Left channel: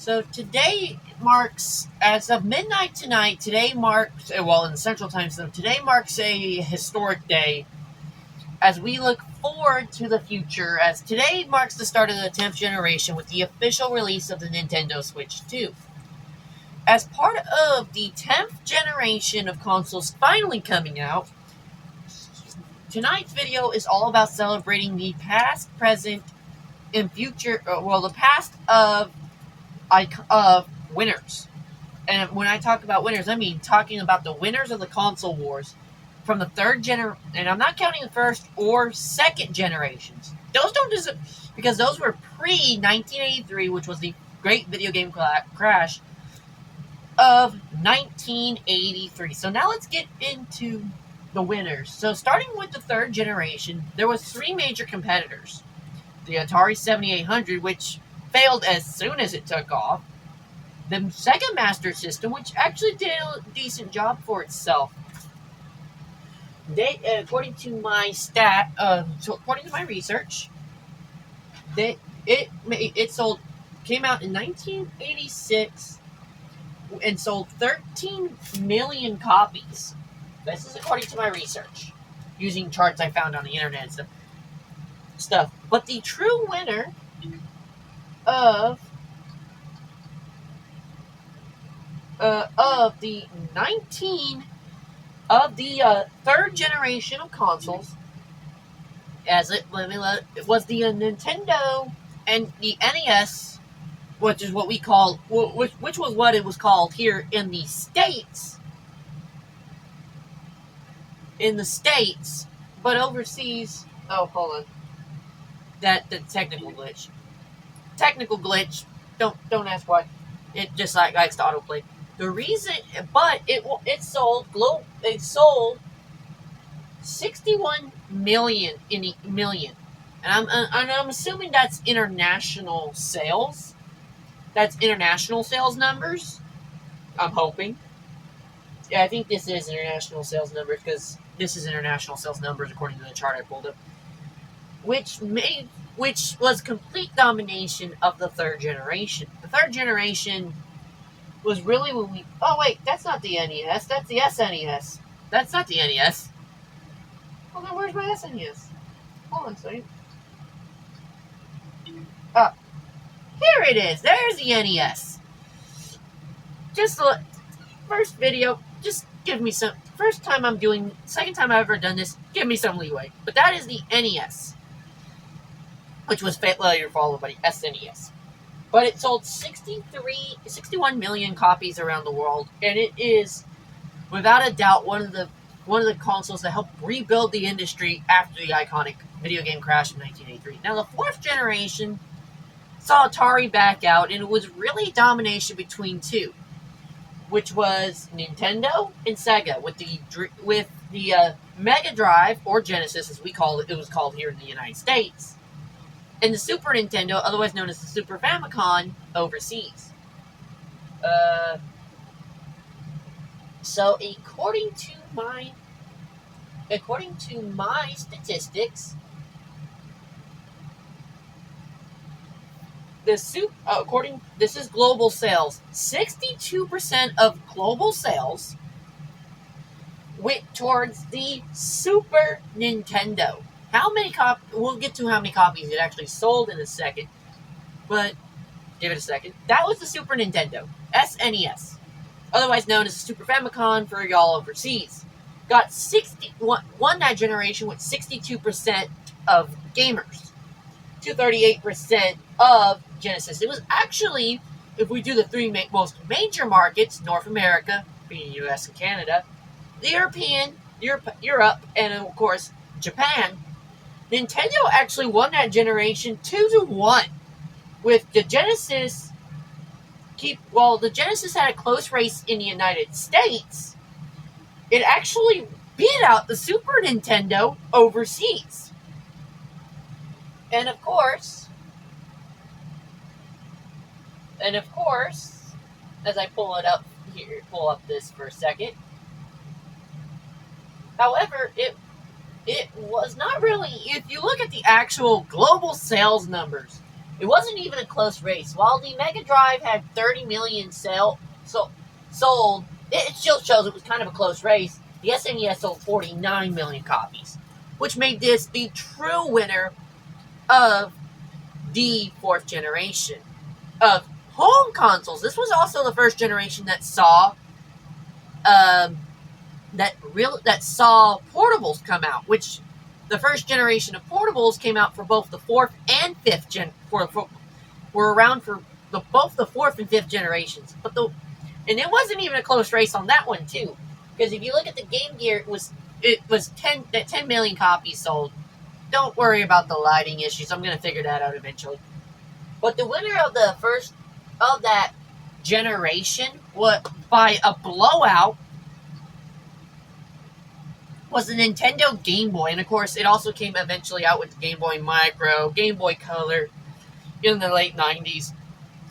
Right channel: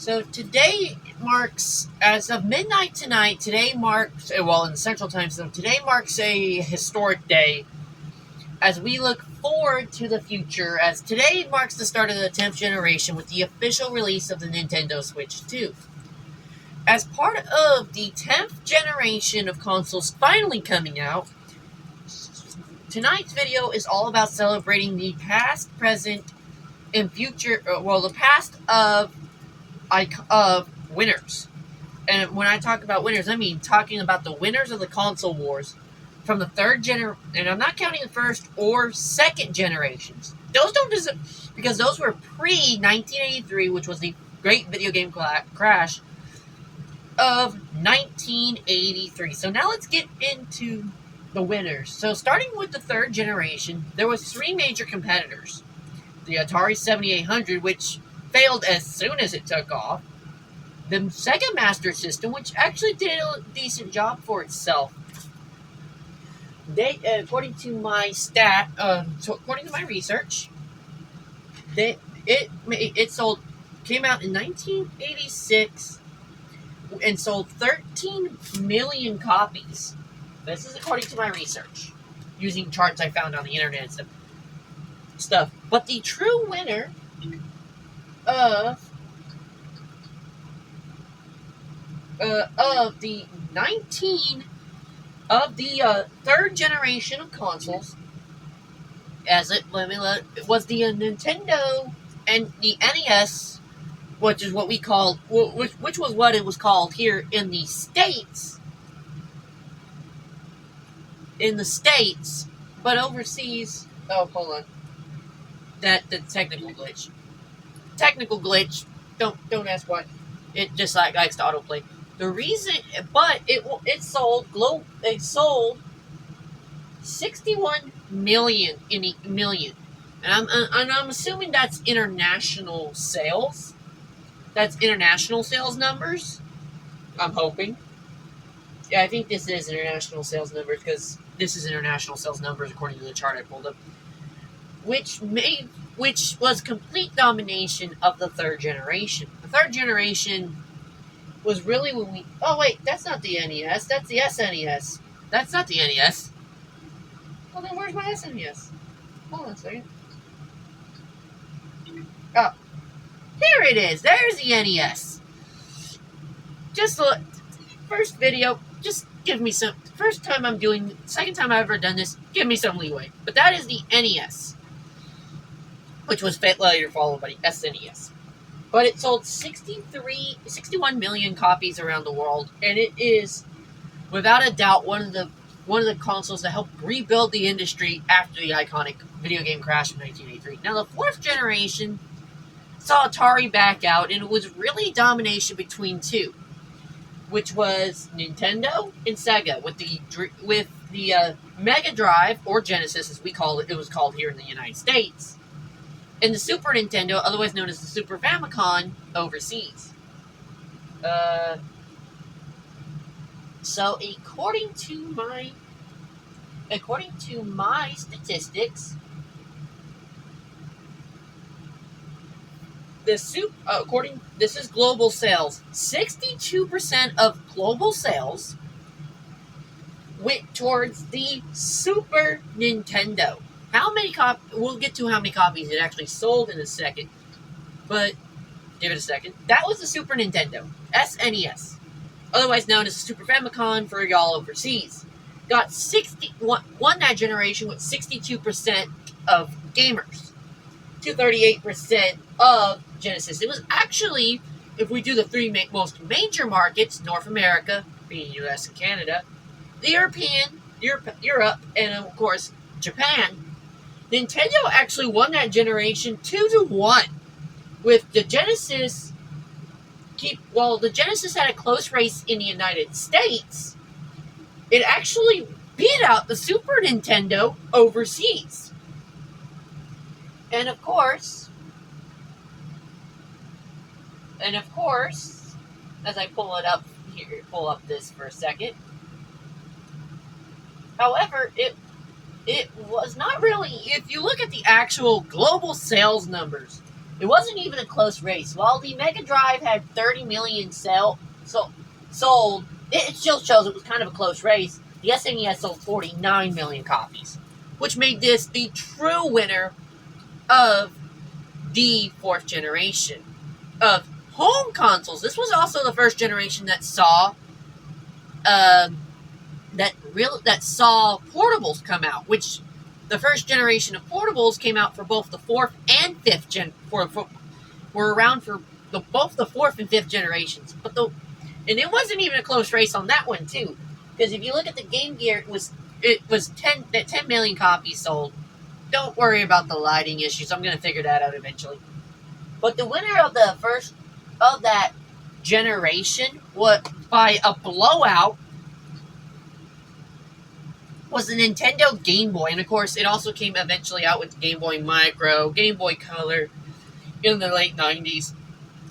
So today marks, as of midnight tonight, today marks, well, in the Central Time Zone, today marks a historic day as we look forward to the future, as today marks the start of the 10th generation with the official release of the Nintendo Switch 2. As part of the 10th generation of consoles finally coming out, tonight's video is all about celebrating the past, present, and future, the past of winners. And when I talk about winners, I mean talking about the winners of the console wars from the third generation, and I'm not counting the first or second generations. Those don't deserve, because those were pre-1983, which was the great video game crash of 1983. So now let's get into the winners. So starting with the third generation, there was three major competitors. The Atari 7800, which failed as soon as it took off. The Sega Master System, which actually did a decent job for itself. They, according to my according to my research, it came out in 1986 and sold 13 million copies. This is according to my research, using charts I found on the internet and stuff. But the true winner of the third generation of consoles, it was the Nintendo and the NES, which is what we call, which was what it was called here in the States. But overseas, oh, hold on. The technical glitch. Don't ask why. It just likes to autoplay. The reason, but it sold 61 million and I'm assuming that's international sales. That's international sales numbers. I'm hoping. Yeah, I think this is international sales numbers, because this is international sales numbers according to the chart I pulled up, which was complete domination of the third generation. The third generation was really when we... Oh, wait, that's not the NES. That's the SNES. That's not the NES. Well, then where's my SNES? Hold on a second. Oh, here it is. There's the NES. Just look. First video, just give me some... First time I'm doing... Second time I've ever done this, give me some leeway. But that is the NES, which was later followed by the SNES. But it sold 61 million copies around the world, and it is, without a doubt, one of the consoles that helped rebuild the industry after the iconic video game crash of 1983. Now, the fourth generation saw Atari back out, and it was really domination between two, which was Nintendo and Sega, with the Mega Drive, or Genesis as it was called here in the United States, and the Super Nintendo, otherwise known as the Super Famicom, overseas. So according to my statistics, this is global sales. 62% of global sales went towards the Super Nintendo. We'll get to how many copies it actually sold in a second, but give it a second. That was the Super Nintendo, SNES, otherwise known as the Super Famicom for y'all overseas. Won that generation with 62% of gamers to 38% of Genesis. It was actually, if we do the three most major markets, North America, being US and Canada, the Europe, and of course Japan, Nintendo actually won that generation 2-1, with the Genesis. The Genesis had a close race in the United States. It actually beat out the Super Nintendo overseas. And of course, as I pull up this for a second. However, it was not really, if you look at the actual global sales numbers, It wasn't even a close race. While the Mega Drive had 30 million sold, it still shows it was kind of a close race. The SNES sold 49 million copies, which made this the true winner of the fourth generation of home consoles. This was also the first generation that saw saw portables come out, which the first generation of portables came out for both the fourth and fifth were around for both the fourth and fifth generations. And it wasn't even a close race on that one too, because if you look at the Game Gear, it was 10 million copies sold. Don't worry about the lighting issues. I'm going to figure that out eventually. But the winner of that generation, by a blowout, was the Nintendo Game Boy. And of course, it also came eventually out with the Game Boy Micro, Game Boy Color in the late 90s.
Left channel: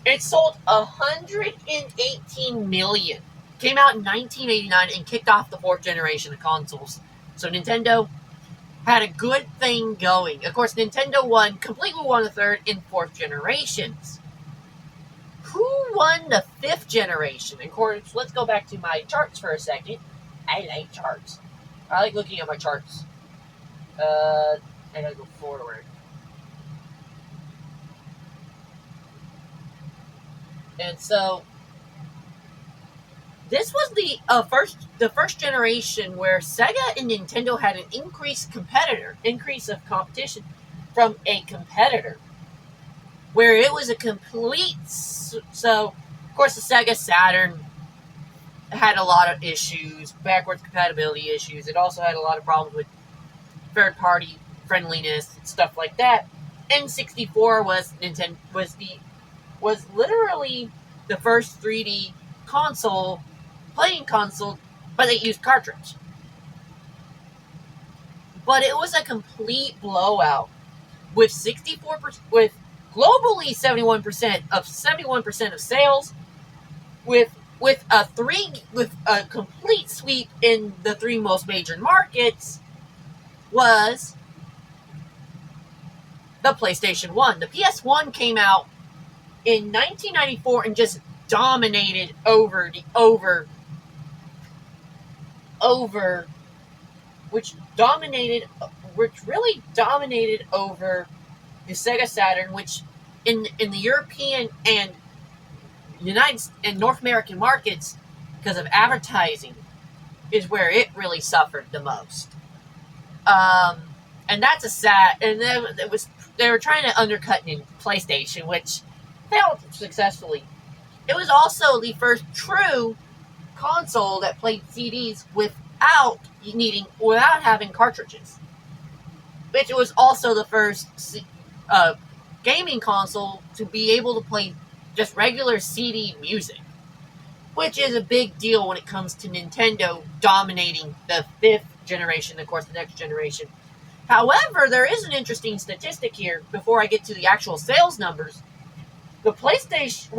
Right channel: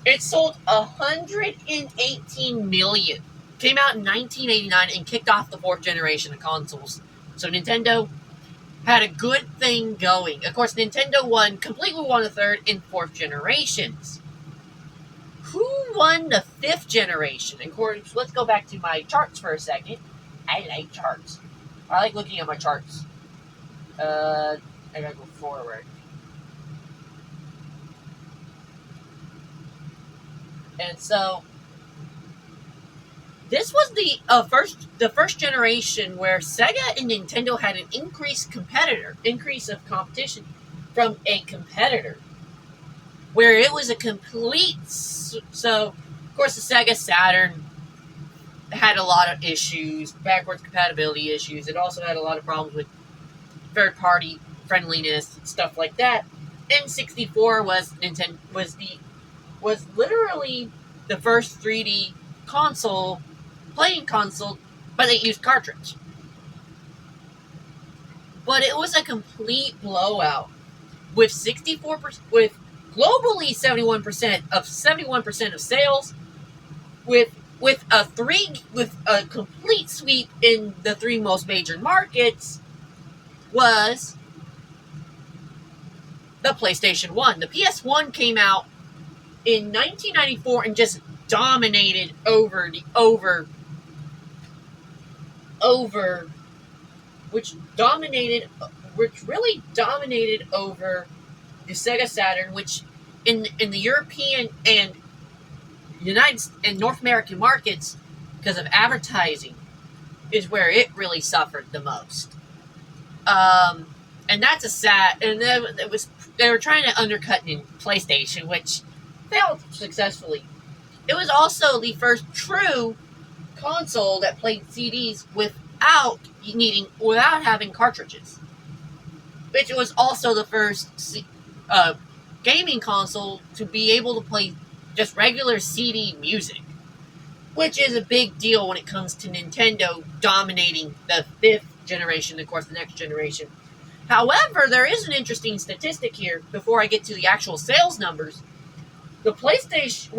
It sold 118 million. Came out in 1989 and kicked off the fourth generation of consoles. So Nintendo had a good thing going. Of course, Nintendo completely won the third and fourth generations. Who won the fifth generation? Of course, let's go back to my charts for a second. I like charts. I like looking at my charts. I gotta go forward. And so, this was the first generation where Sega and Nintendo had an increase of competition from a competitor, where it was a complete. So, of course, the Sega Saturn had a lot of issues, backwards compatibility issues. It also had a lot of problems with third-party friendliness and stuff like that. N64 was literally the first 3D playing console, but it used cartridge. But it was a complete blowout with 64%, with globally 71% of sales, with a complete sweep in the three most major markets, was the PlayStation 1. The PS1 came out in 1994 and just dominated which really dominated over the Sega Saturn, which in the European and North American markets, because of advertising, is where it really suffered the most. And that's a sad. And they were trying to undercut in PlayStation, which failed successfully. It was also the first true console that played CDs without having cartridges. Which was also the first gaming console to be able to play just regular CD music, which is a big deal when it comes to Nintendo dominating the fifth generation, of course, the next generation. However, there is an interesting statistic here before I get to the actual sales numbers. The PlayStation,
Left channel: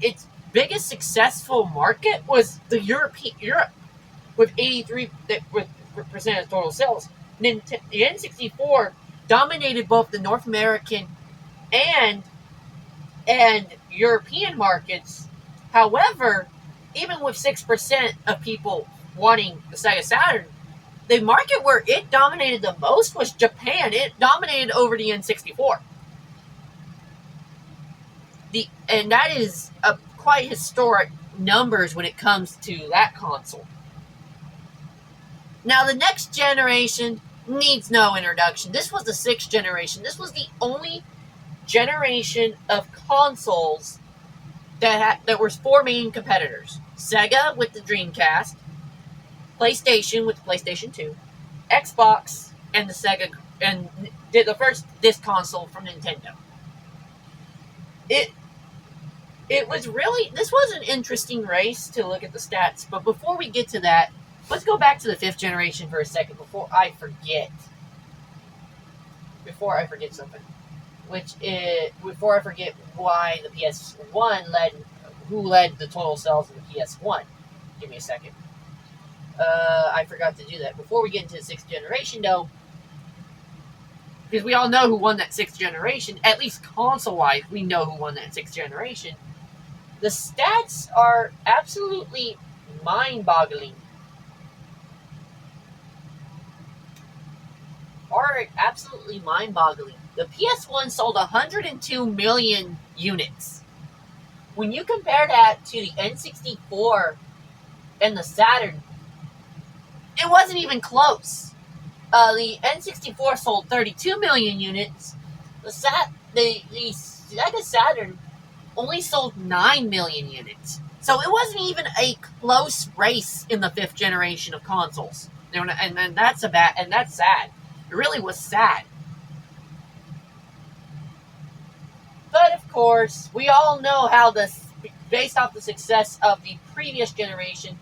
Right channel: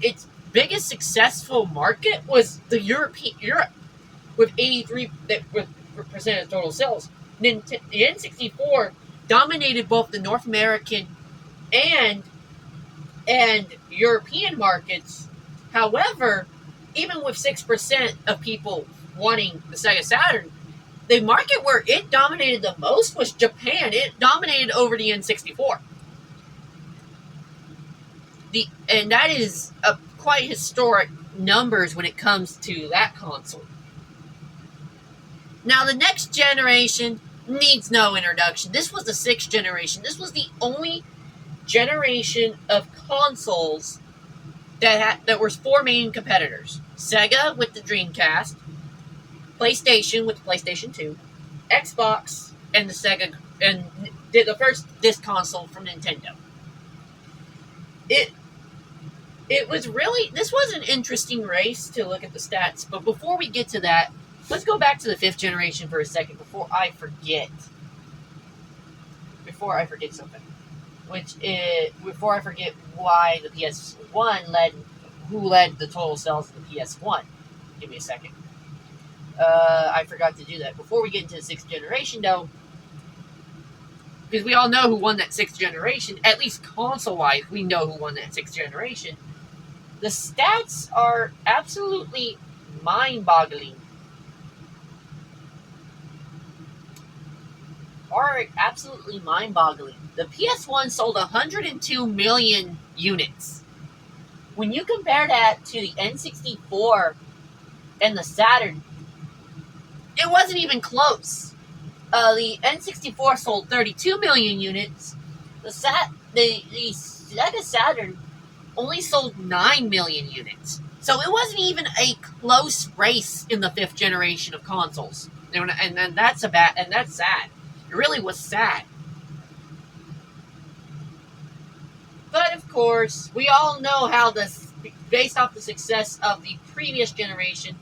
its biggest successful market was Europe, with 83% of total sales. The N64 dominated both the North American and European markets. However, even with 6% of people wanting the Sega Saturn, the market where it dominated the most was Japan. It dominated over the N64. And that is quite historic numbers when it comes to that console. Now, the next generation needs no introduction. This was the sixth generation. This was the only generation of consoles that were four main competitors: Sega with the Dreamcast, PlayStation with the PlayStation 2, Xbox, and the Sega, and the first disc console from Nintendo. This was an interesting race to look at the stats, but before we get to that, let's go back to the fifth generation for a second before I forget something. Before I forget why the PS1 who led the total sales of the PS1. Give me a second. I forgot to do that. Before we get into the sixth generation, though, because we all know who won that sixth generation, at least console-wise, we know who won that sixth generation. The stats are absolutely mind-boggling. The PS1 sold 102 million units. When you compare that to the N64 and the Saturn, it wasn't even close. The N64 sold 32 million units. The Sega Saturn only sold 9 million units. So it wasn't even a close race in the fifth generation of consoles. And that's sad. It really was sad. But of course, we all know how based off the success of the previous generation,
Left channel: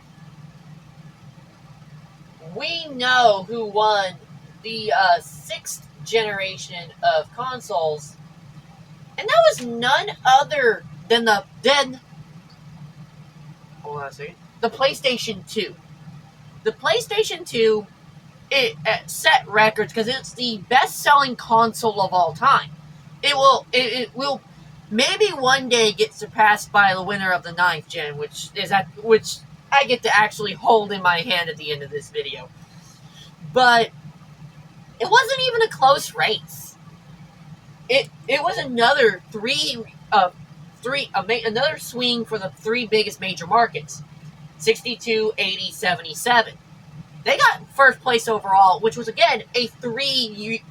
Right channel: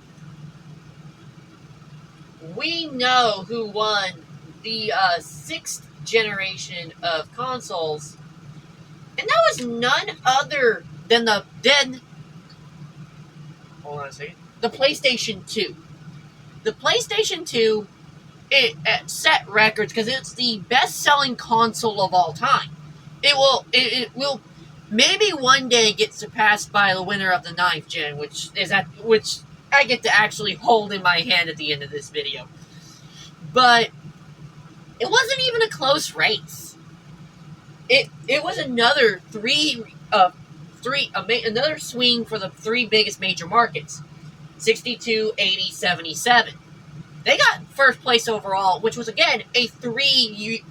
we know who won the sixth generation of consoles, and that was none other than the PlayStation 2. The PlayStation 2 it set records because it's the best-selling console of all time. It will maybe one day get surpassed by the winner of the 9th gen, which I get to actually hold in my hand at the end of this video. But it wasn't even a close race. It was another another swing for the three biggest major markets: 62, 80, 77. They got first place overall, which was again a three-region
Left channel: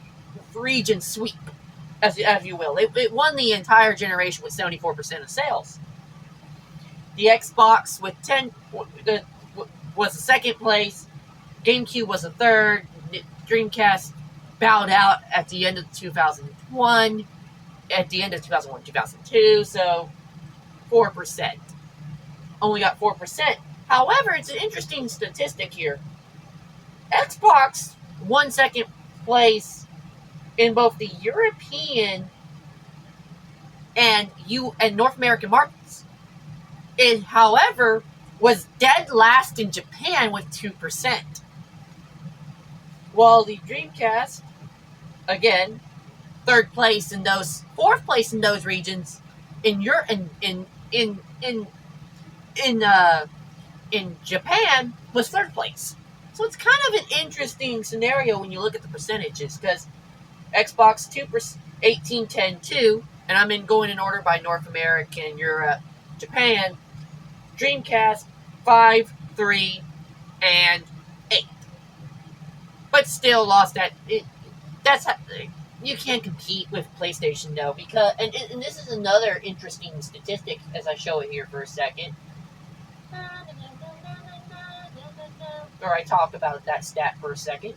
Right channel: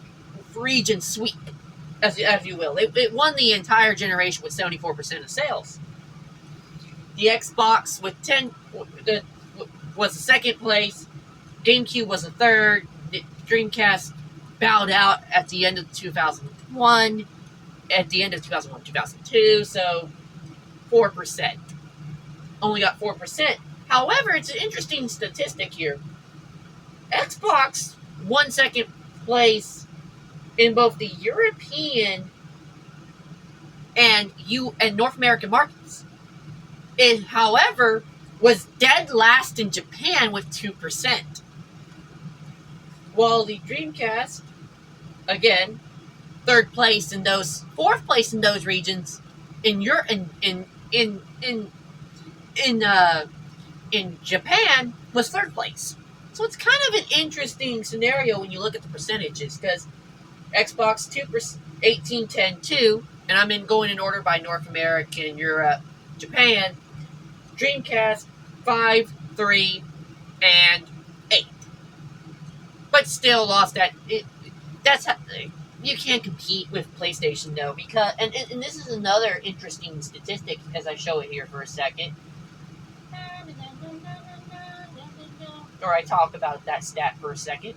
sweep, as you will. It won the entire generation with 74% of sales. The Xbox with 10 was the second place. GameCube was a third. Dreamcast bowed out at the end of 2001. At the end of 2001, 2002, so 4%. Only got 4%. However, it's an interesting statistic here. Xbox won second place in both the European and North American markets. It, however, was dead last in Japan with 2%. While the Dreamcast, again, fourth place in those regions in Japan was third place. So it's kind of an interesting scenario when you look at the percentages, because Xbox 2%, 18, 10, 2, and I'm going in order by North America, Europe, Japan. Dreamcast 5, 3, and 8. But still lost that. You can't compete with PlayStation though, because and this is another interesting statistic as I show it here for a second. Or I talk about that stat for a second.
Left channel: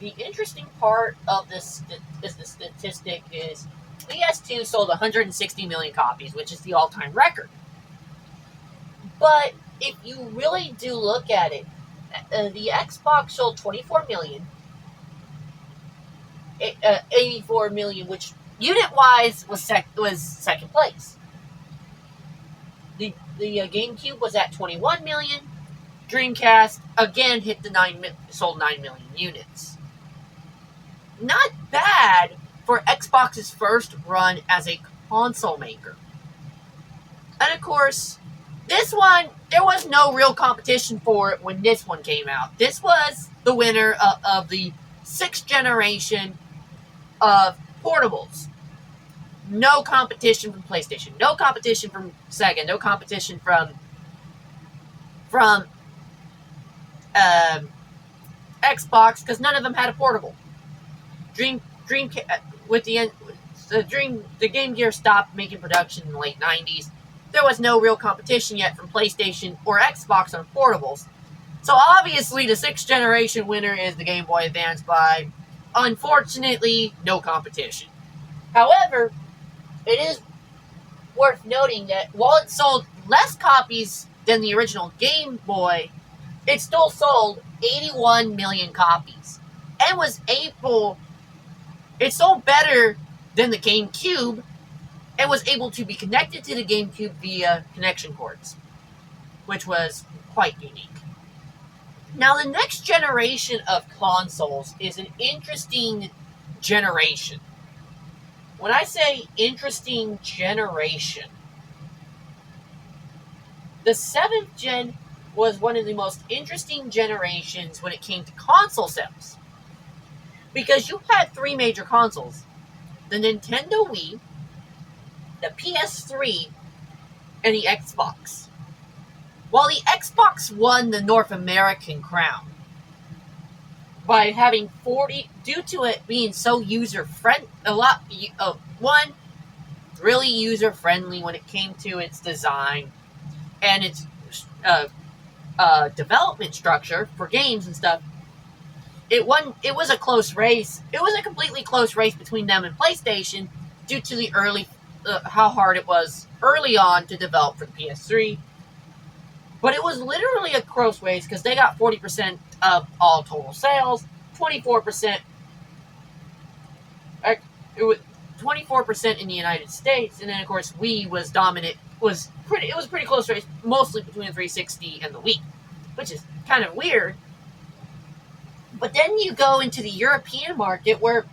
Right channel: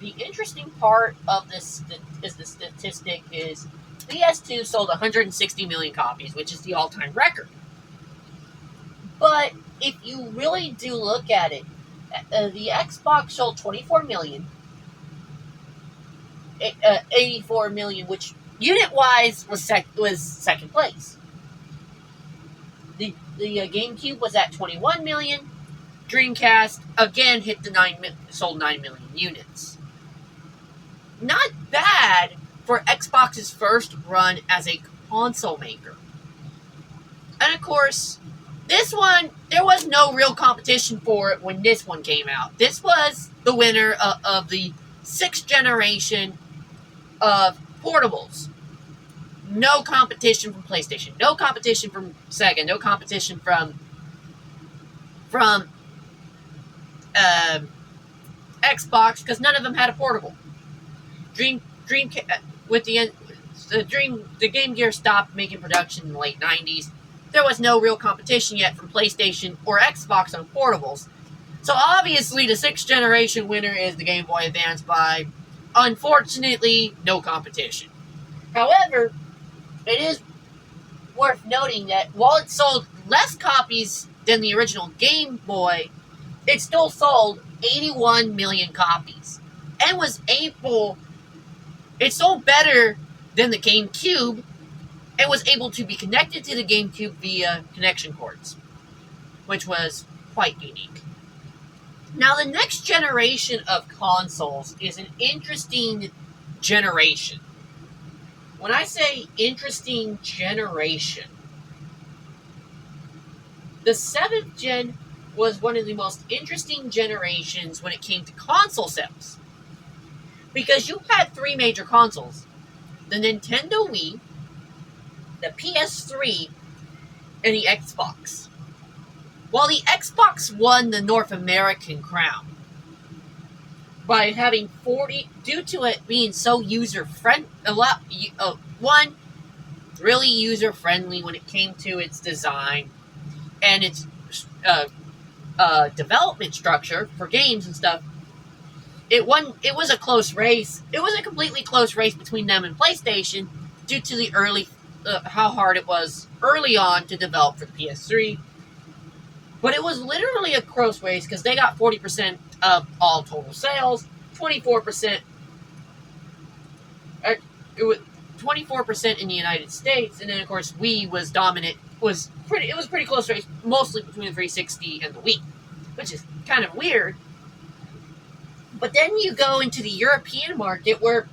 The interesting part of the statistic is PS2 sold 160 million copies, which is the all-time record. But if you really do look at it, the Xbox sold 24 million, 84 million, which unit-wise was second place. The GameCube was at 21 million. Dreamcast again hit sold 9 million units. Not bad for Xbox's first run as a console maker. And of course, this one, there was no real competition for it when this one came out. This was the winner of the sixth generation of portables. No competition from PlayStation. No competition from Sega. No competition from Xbox, because none of them had a portable. The Game Gear stopped making production in the late 90s. There was no real competition yet from PlayStation or Xbox on portables. So obviously the sixth generation winner is the Game Boy Advance by, unfortunately, no competition. However, it is worth noting that while it sold less copies than the original Game Boy, it still sold 81 million copies. And it sold better than the GameCube, and was able to be connected to the GameCube via connection cords, which was quite unique. Now, the next generation of consoles is an interesting generation. When I say interesting generation, the 7th gen was one of the most interesting generations when it came to console sales. Because you had three major consoles: the Nintendo Wii, the PS3, and the Xbox. While the Xbox won the North American crown by having 40, due to it being so user friendly, one, really user friendly when it came to its design and its development structure for games and stuff. It was a close race. It was a completely close race between them and PlayStation due to the how hard it was early on to develop for the PS3. But it was literally a close race because they got 40% of all total sales, 24%. It was 24% in the United States, and then of course Wii was dominant. It was pretty close race, mostly between the 360 and the Wii, which is kind of weird. But then you go into the European market where,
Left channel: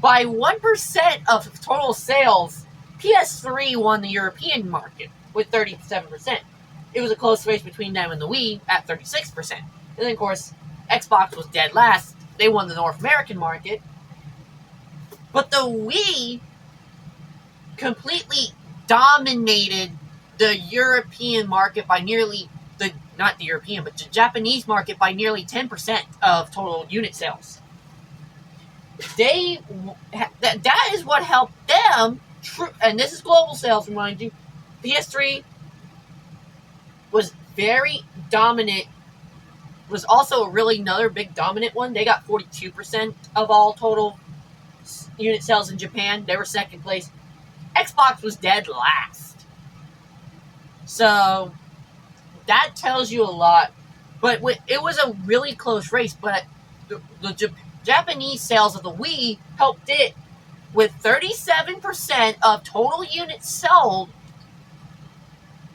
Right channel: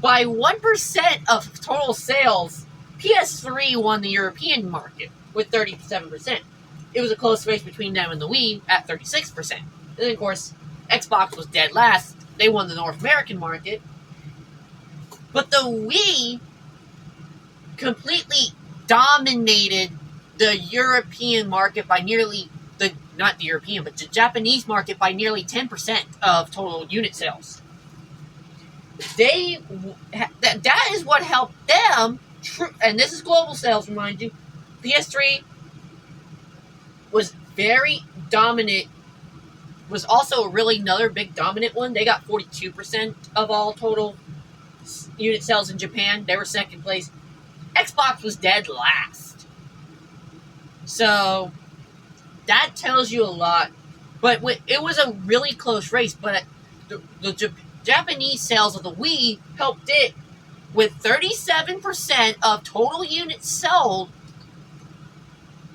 by 1% of total sales, PS3 won the European market with 37%. It was a close race between them and the Wii at 36%. And then, of course, Xbox was dead last. They won the North American market. But the Wii completely dominated the European market by nearly, not the European, but the Japanese market by nearly 10% of total unit sales. That is what helped them, and this is global sales, remind you. PS3 was very dominant, was also really another big dominant one. They got 42% of all total unit sales in Japan. They were second place. Xbox was dead last. So that tells you a lot. But it was a really close race, but the Japanese sales of the Wii helped it with 37% of total units sold.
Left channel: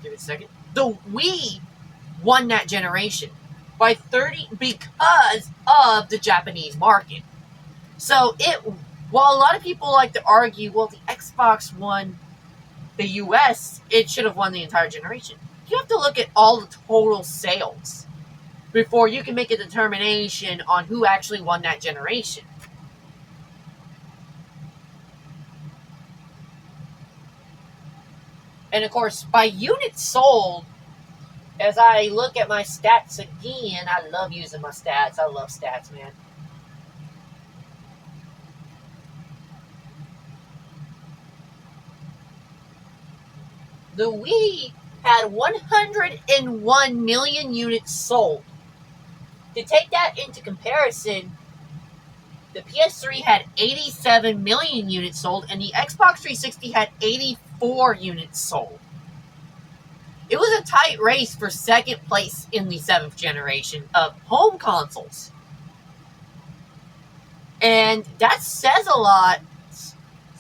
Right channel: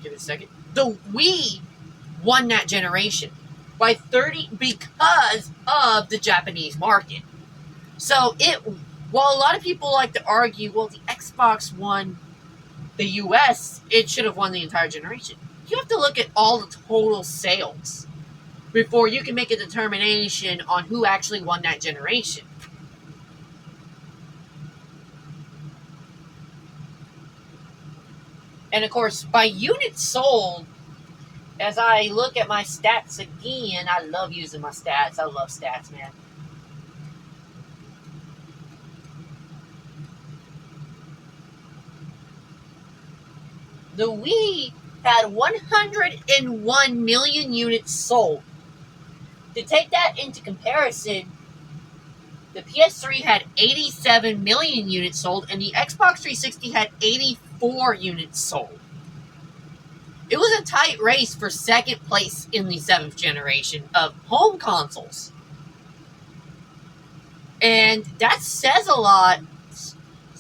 Give it a second. The Wii won that generation by 30 because of the Japanese market. So while a lot of people like to argue, well, the Xbox won the US, it should have won the entire generation. You have to look at all the total sales before you can make a determination on who actually won that generation. And of course, by units sold, as I look at my stats again, I love using my stats. I love stats, man. The Wii had 101 million units sold. To take that into comparison, the PS3 had 87 million units sold, and the Xbox 360 had 84 units sold. It was a tight race for second place in the 7th generation of home consoles. And that says a lot.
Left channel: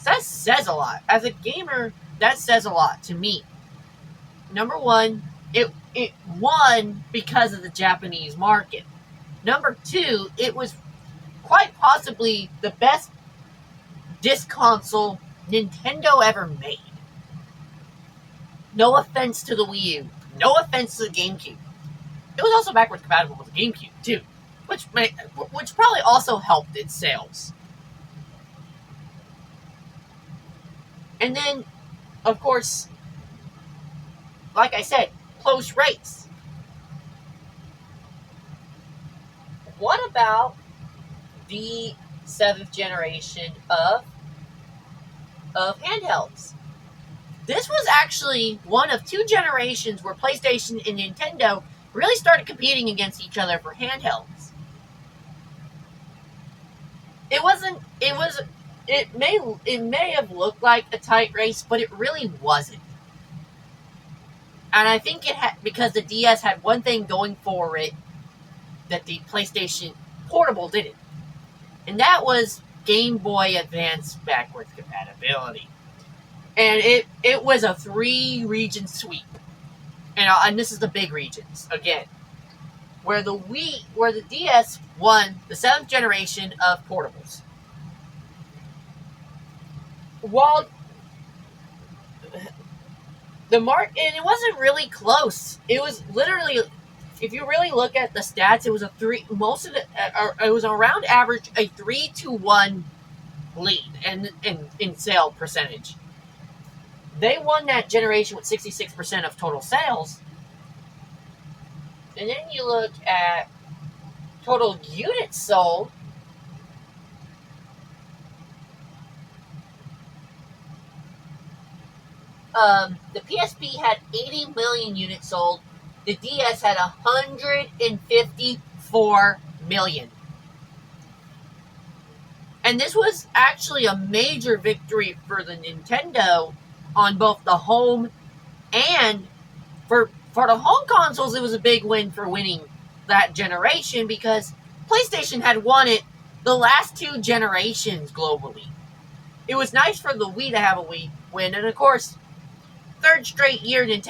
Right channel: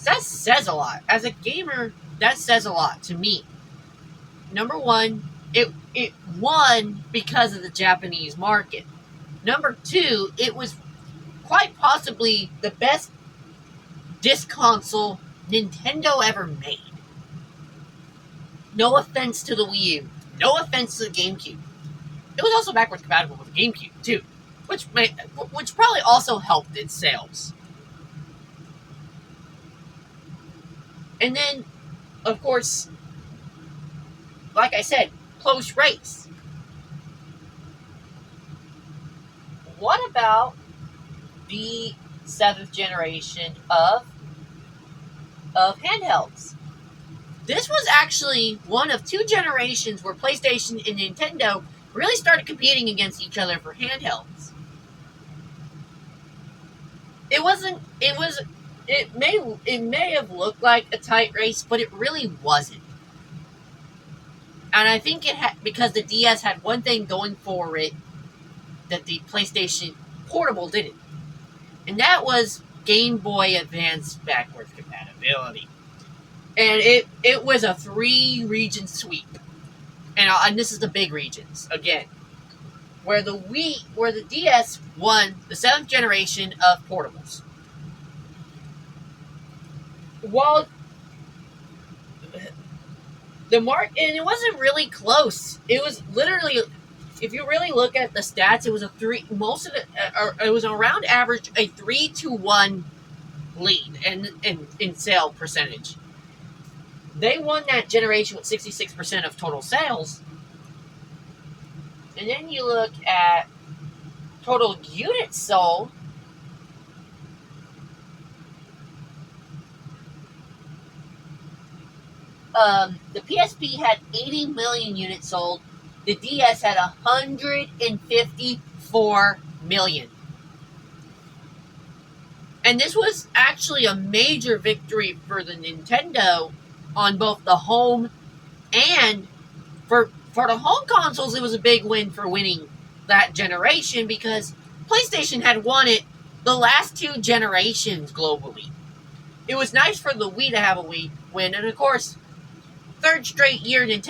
That says a lot. As a gamer, that says a lot to me. Number one, it won because of the Japanese market. Number two, it was quite possibly the best disc console Nintendo ever made. No offense to the Wii U. No offense to the GameCube. It was also backwards compatible with the GameCube, too, which probably also helped its sales. And then, of course, like I said, close race. What about the 7th generation of handhelds? This was actually one of two generations where PlayStation and Nintendo really started competing against each other for handhelds. It may have looked like a tight race, but it really wasn't. And I think it had, because the DS had one thing going for it that the PlayStation Portable didn't. And that was Game Boy Advance backwards compatibility. And it was a 3-region sweep. And this is the big regions, again. where the DS won the 7th generation of portables. While the mark, and it wasn't really close. It was literally, if you really look at the stats, it was a three. Most of it was around average a 3-1 lead in sale percentage. They won that generation with 66% of total sales. And then you look at total units sold. The PSP had 80 million units sold. The DS had 154 million. And this was actually a major victory for the Nintendo on both the home and for the home consoles. It was a big win for winning that generation because PlayStation had won it the last 2 generations globally. It was nice for the Wii to have a Wii win, and of course, third straight generation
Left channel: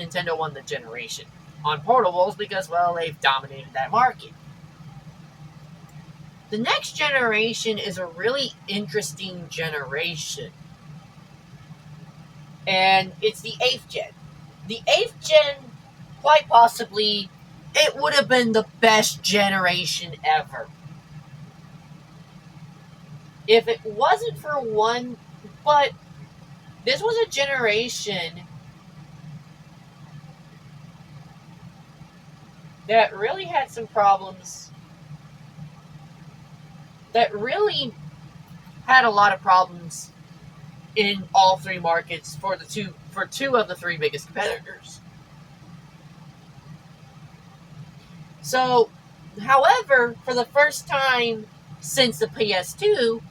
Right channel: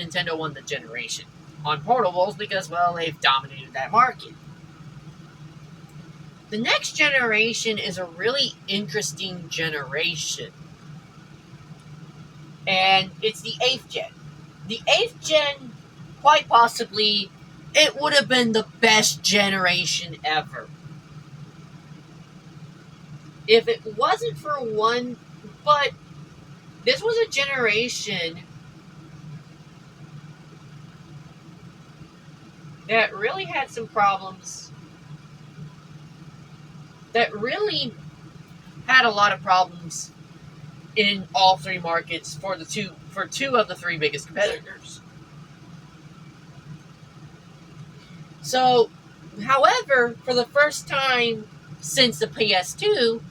Nintendo won the generation on portables because, well, they've dominated that market. The next generation is a really interesting generation, and it's the 8th gen. The 8th gen, quite possibly, it would have been the best generation ever. If it wasn't for one, but this was a generation that really had some problems, that really had a lot of problems in all 3 markets for 2 of the 3 biggest competitors. So, however, for the first time since the PS2,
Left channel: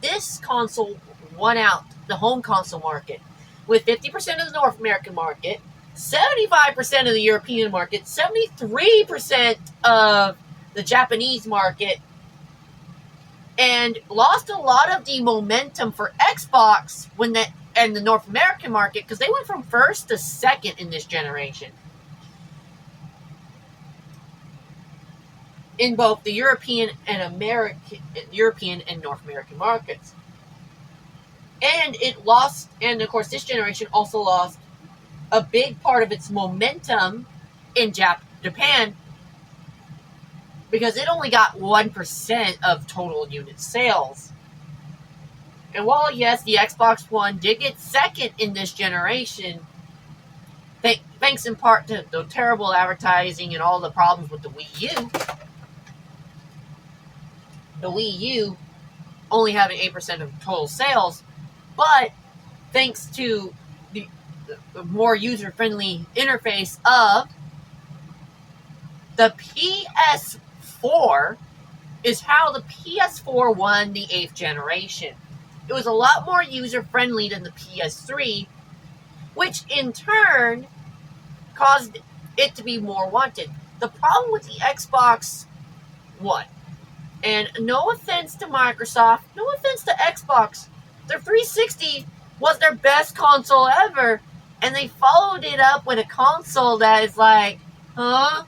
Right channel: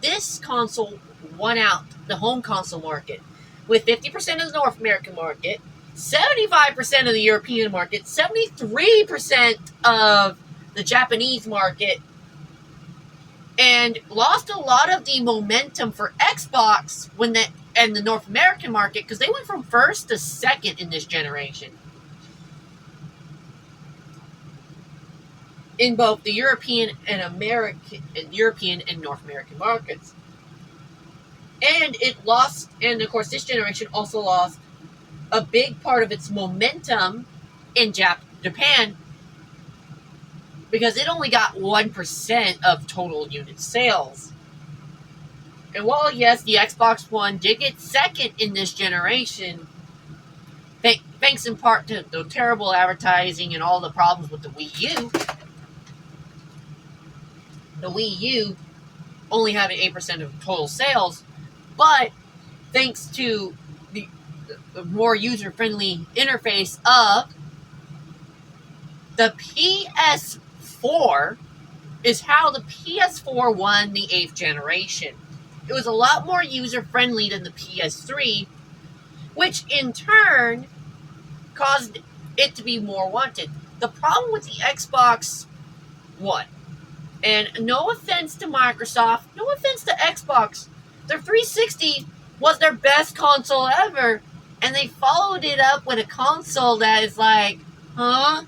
this console won out the home console market with 50% of the North American market, 75% of the European market, 73% of the Japanese market, and lost a lot of the momentum for Xbox and the North American market because they went from first to second in this generation in both the European and North American markets. And of course, this generation also lost a big part of its momentum in Japan because it only got 1% of total unit sales. And while, yes, the Xbox One did get second in this generation, thanks in part to the terrible advertising and all the problems with the Wii U only having 8% of total sales, but thanks to the more user-friendly interface of the PS4 is how the PS4 won the 8th generation. It was a lot more user-friendly than the PS3, which in turn caused it to be more wanted. The problem with the Xbox One, and no offense to Microsoft, no offense to Xbox, their 360 was their best console ever, and they followed it up with a console that is like, huh?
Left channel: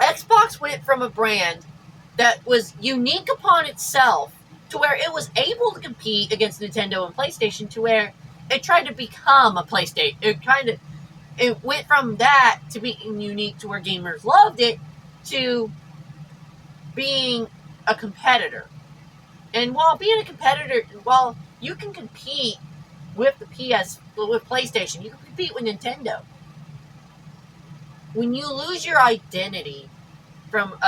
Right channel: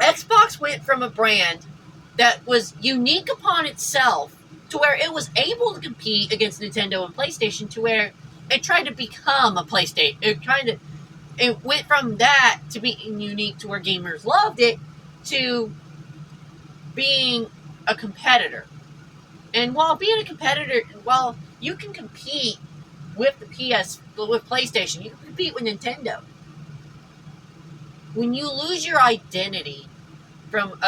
Xbox went from a brand that was unique upon itself to where it was able to compete against Nintendo and PlayStation to where it tried to become a PlayStation. It went from that to being unique to where gamers loved it to being a competitor. And while being a competitor, while you can compete with with PlayStation, you can compete with Nintendo. When you lose your identity from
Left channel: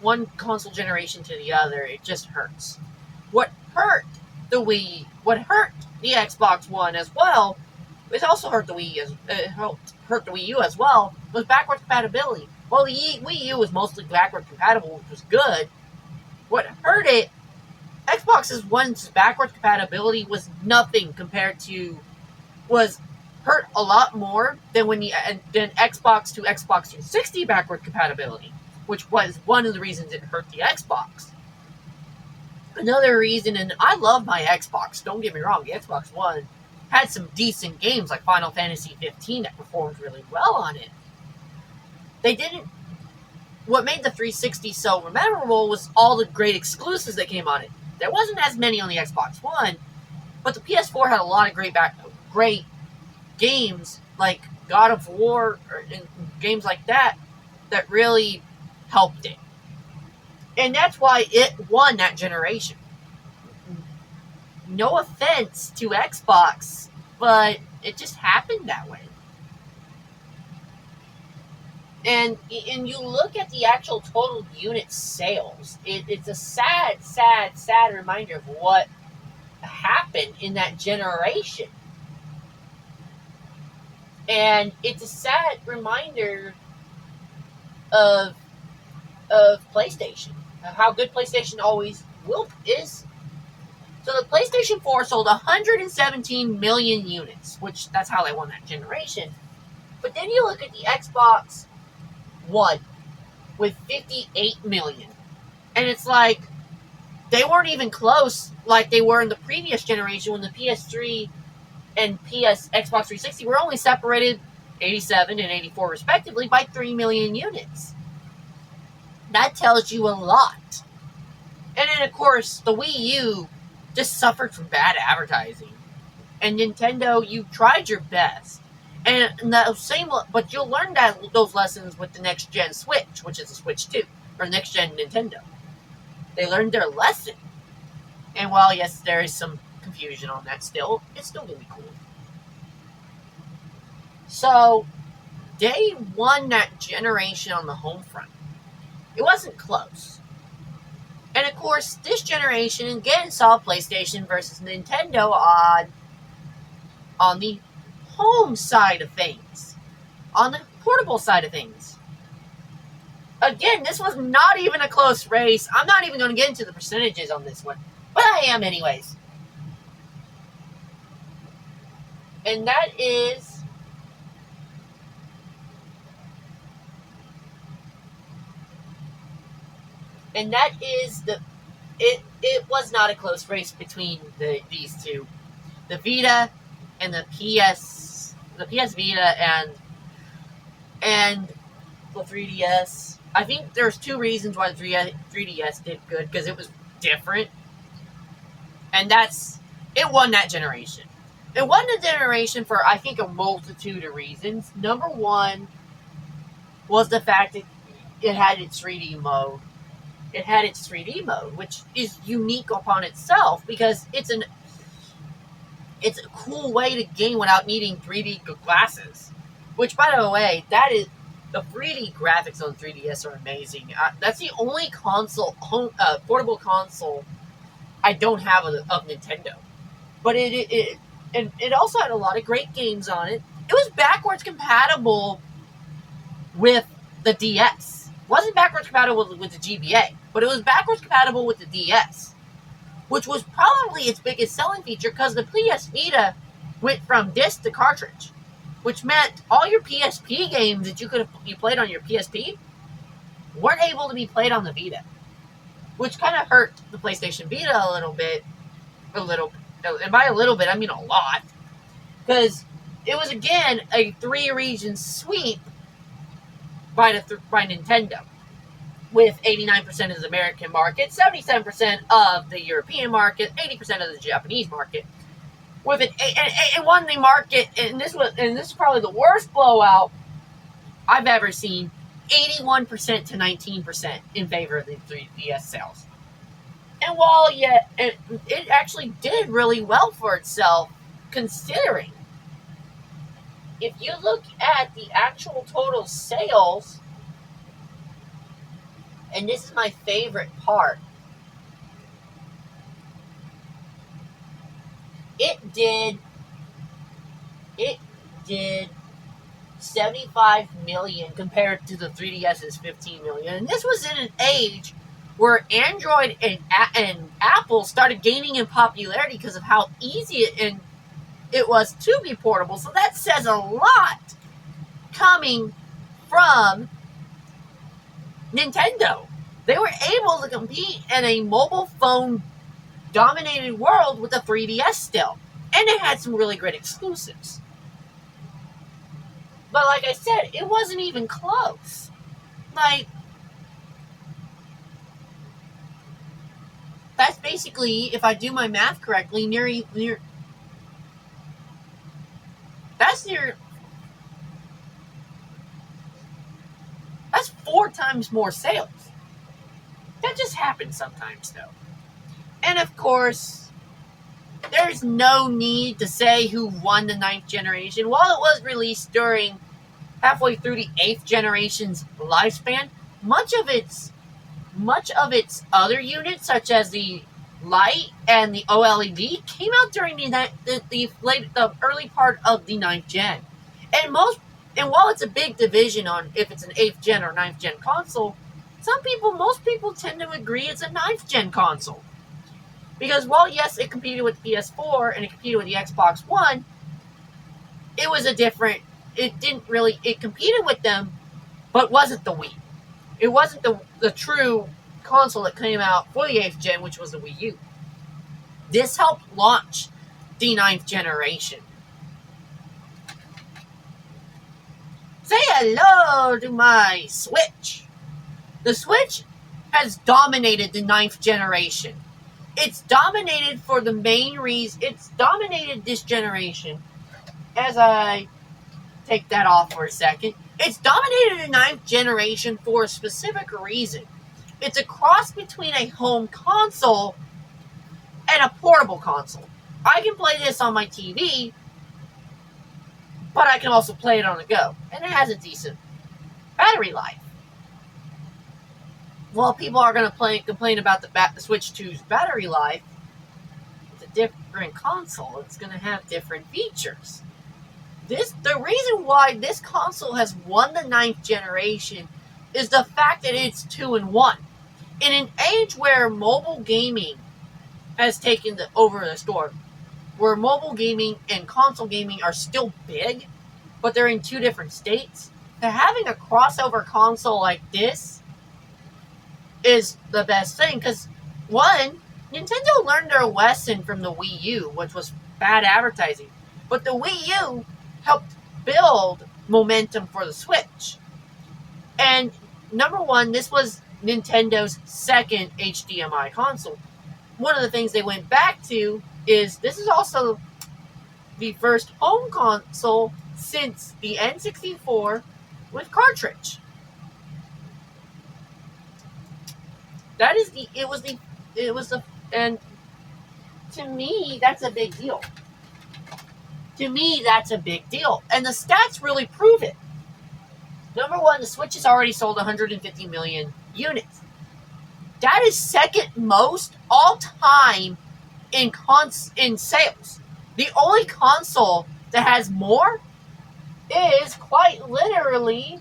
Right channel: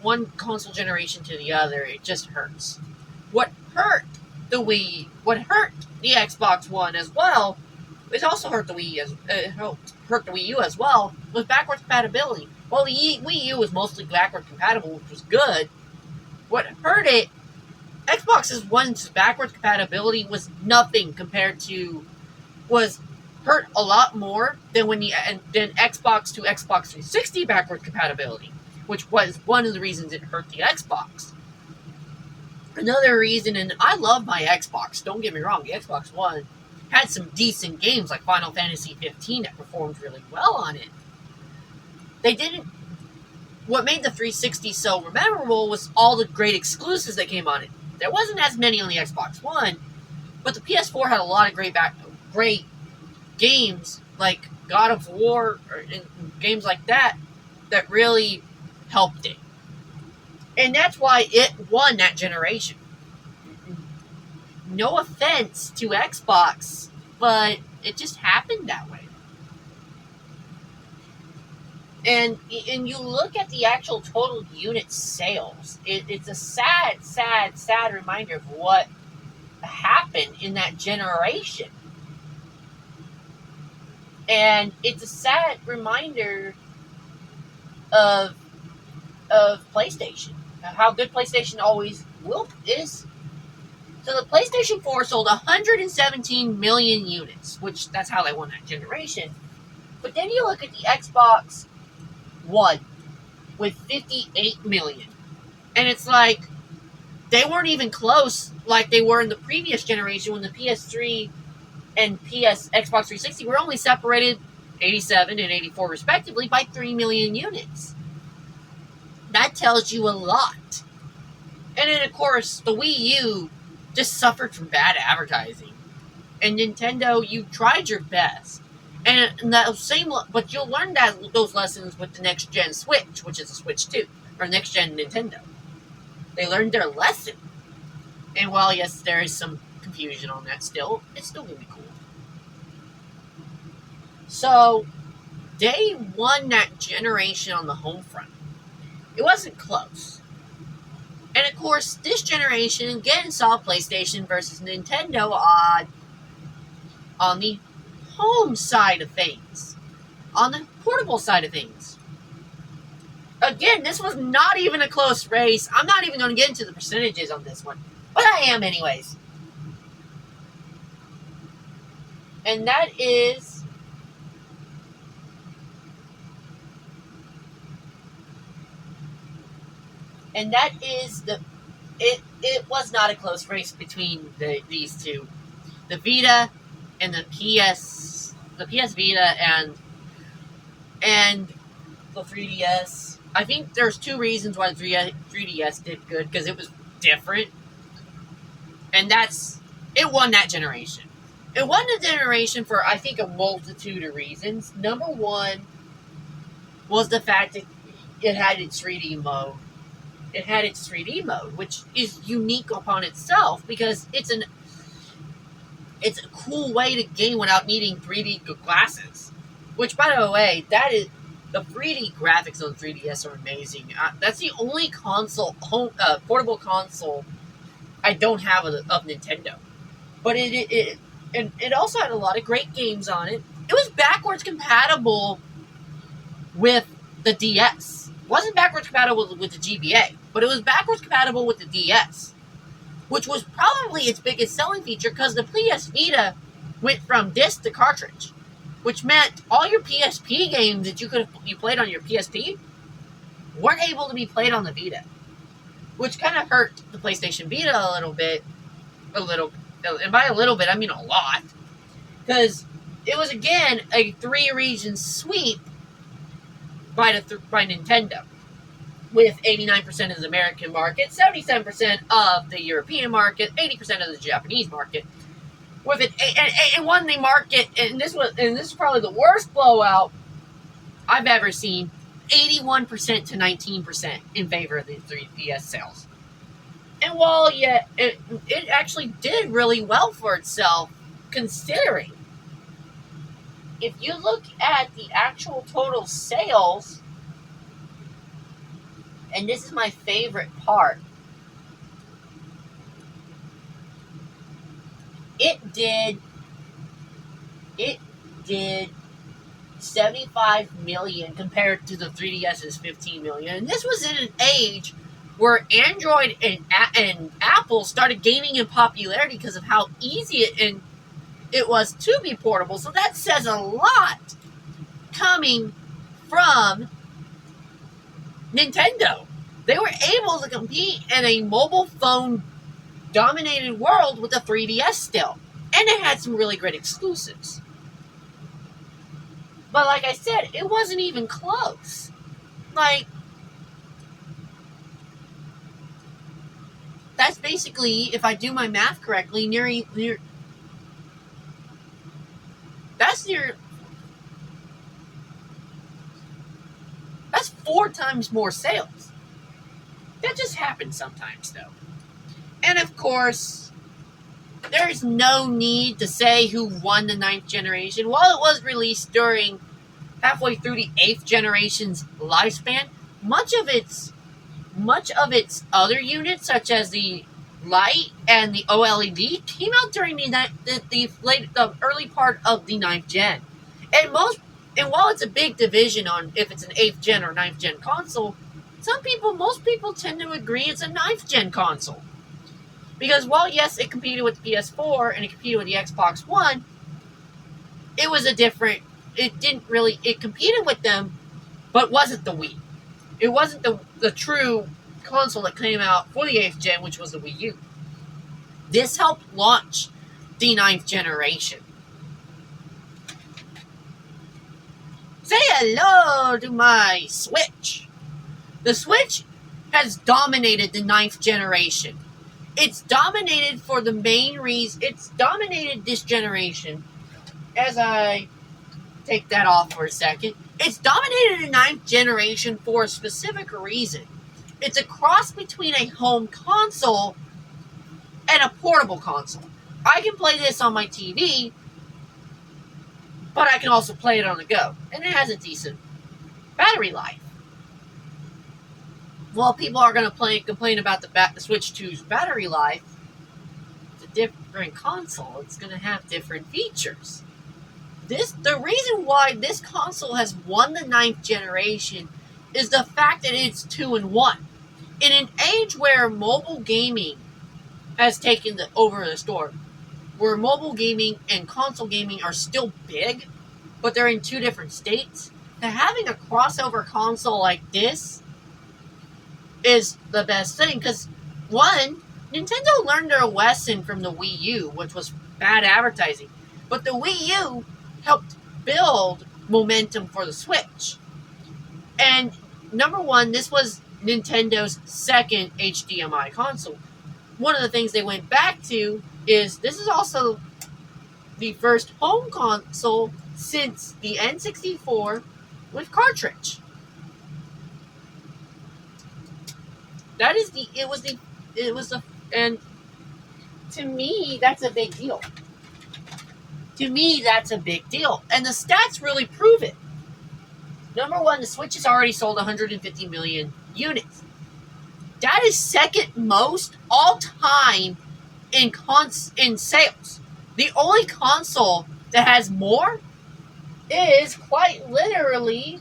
one console generation to the other, it just hurts. What hurt the Xbox One as well, it also hurt the hurt the Wii U as well, was backwards compatibility. While the Wii U was mostly backwards compatible, which was good, what hurt it, Xbox One's backwards compatibility was nothing compared to, was hurt a lot more than than Xbox to Xbox 360 backward compatibility, which was one of the reasons it hurt the Xbox. Another reason, and I love my Xbox, don't get me wrong, the Xbox One had some decent games like Final Fantasy 15 that performed really well on it. They didn't. What made the 360 so memorable was all the great exclusives that came on it. There wasn't as many on the Xbox One, but the PS4 had a lot of great games like God of War and games like that that really helped it. And that's why it won that generation. No offense to Xbox, but it just happened that way. And you look at the actual total unit sales, it's a sad reminder of what happened in that generation. And it's a sad reminder of PlayStation, how good PlayStation always is. So the PlayStation 4 sold 117 million units, which that's how they won that generation. But then you look at the Xbox One with 58 million. And it's like, they weren't even close like they were in the previous generation when the PS3 and Xbox 360 were only separated 87 and 84 respectively by 3 million units. That tells you a lot. And then, of course, the Wii U just suffered from bad advertising. And Nintendo, you tried your best. And but you'll learn those lessons with the next gen Switch, which is a Switch 2, or next gen Nintendo. They learned their lesson. And while, yes, there is some confusion on that still, it's still going to be cool. So, they won that generation on the home front. It wasn't close. And of course, this generation again saw PlayStation versus Nintendo on the home side of things, on the portable side of things. Again, this was not even a close race. I'm not even going to get into the percentages on this one, but I am anyways. And that is it was not a close race between these two. The Vita and the PS Vita and the 3DS. I think there's two reasons why the 3DS did good, because it was different. And it won that generation. It won the generation for, I think, a multitude of reasons. Number one was the fact that it had its 3D mode. It had its 3D mode, which is unique upon itself because it's a cool way to game without needing 3D glasses. Which, by the way, the 3D graphics on 3DS are amazing. That's the only portable console I don't have of Nintendo. But it also had a lot of great games on it. It was backwards compatible with the DS. It wasn't backwards compatible with the GBA, but it was backwards compatible with the DS, which was probably its biggest selling feature because the PS Vita went from disc to cartridge, which meant all your PSP games that you played on your PSP weren't able to be played on the Vita, which kind of hurt the PlayStation Vita a little bit, and by a little bit I mean a lot, because it was again a 3-region sweep by Nintendo, with 89% of the American market, 77% of the European market, 80% of the Japanese market. With it won the market, and this is probably the worst blowout I've ever seen. 81% to 19% in favor of the 3DS sales. And while it actually did really well for itself, considering. If you look at the actual total sales, and this is my favorite part, it did 75 million compared to the 3DS's 15 million. And this was in an age where Android and Apple started gaining in popularity because of how easy it was to be portable. So that says a lot coming from Nintendo. They were able to compete in a mobile phone dominated world with the 3DS still. And it had some really great exclusives. But like I said, it wasn't even close. Like, that's basically, if I do my math correctly, that's 4 times more sales. That just happens sometimes, though. And of course, there's no need to say who won the 9th generation. While it was released during halfway through the 8th generation's lifespan, much of its other units, such as the Light and the OLED, came out during the early part of the 9th gen. And while it's a big division on if it's an 8th gen or 9th gen console, most people tend to agree it's a 9th gen console. Because while yes, it competed with the PS4 and it competed with the Xbox One, it competed with them, but wasn't the Wii. It wasn't the true console that came out for the 8th gen, which was the Wii U. This helped launch the 9th generation. Say hello to my Switch. The Switch has dominated the 9th generation. It's dominated for the main reason. It's dominated this generation. As I take that off for a second, it's dominated the 9th generation for a specific reason. It's a cross between a home console and a portable console. I can play this on my TV, but I can also play it on the go. And it has a decent battery life. Well, people are going to complain about the Switch 2's battery life. It's a different console. It's going to have different features. The reason why this console has won the 9th generation is the fact that it's 2-in-1. In an age where mobile gaming has taken over the store, where mobile gaming and console gaming are still big, but they're in 2 different states, having a crossover console like this is the best thing. Because, one, Nintendo learned their lesson from the Wii U, which was bad advertising. But the Wii U helped build momentum for the Switch. And number one, this was Nintendo's second HDMI console. One of the things they went back to is this is also the first home console since the N64 with cartridge. And to me, that's a big deal. And the stats really prove it. Number one, the Switch has already sold 150 million units. That is second most all time in sales. The only console that has more is quite literally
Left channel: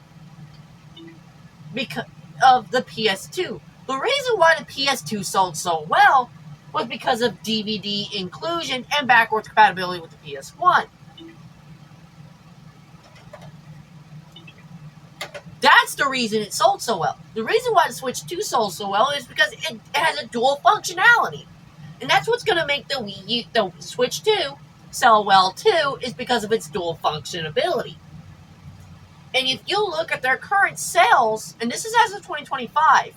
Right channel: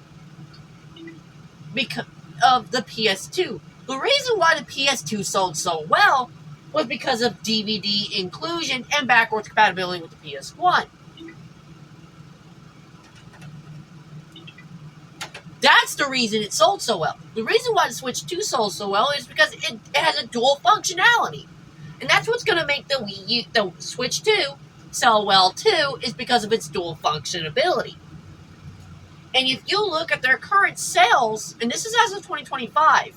because of the PS2. The reason why the PS2 sold so well was because of DVD inclusion and backwards compatibility with the PS1. That's the reason it sold so well. The reason why the Switch 2 sold so well is because it has a dual functionality. And that's what's going to make the Switch 2 sell well too, is because of its dual functionality. And if you look at their current sales, and this is as of 2025,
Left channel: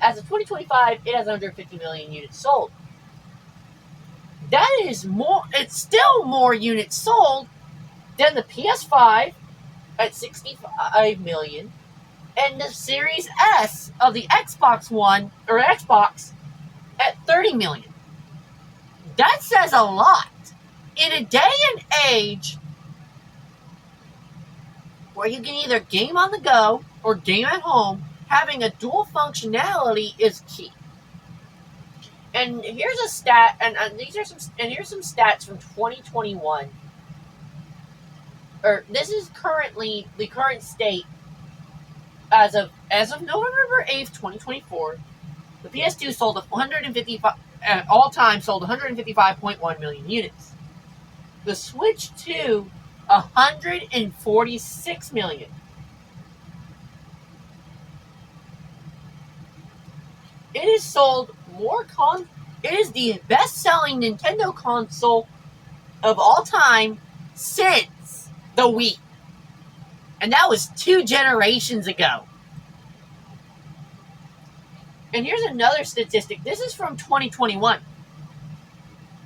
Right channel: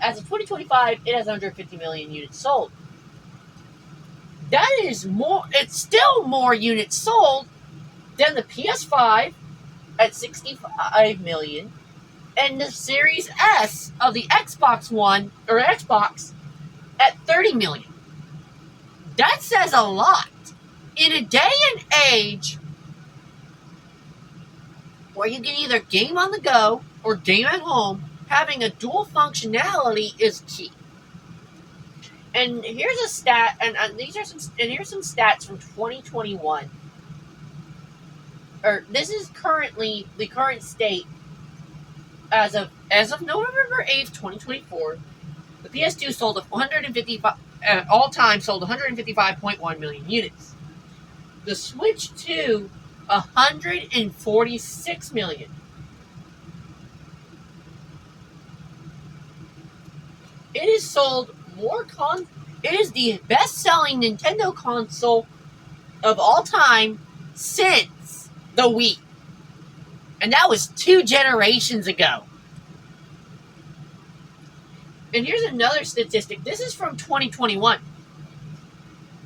as of 2025, it has 150 million units sold. That is more, it's still more units sold than the PS5 at 65 million and the Series S of the Xbox One, or Xbox, at 30 million. That says a lot. In a day and age where you can either game on the go or game at home, having a dual functionality is key. And here's a stat, and here's some stats from 2021. This is currently the current state as of November 8th, 2024. The PS2 sold 155 all time sold 155.1 million units. The Switch 2, 146 million. It has sold more It is the best-selling Nintendo console of all time since the Wii. And that was 2 generations ago. And here's another statistic. This is from 2021.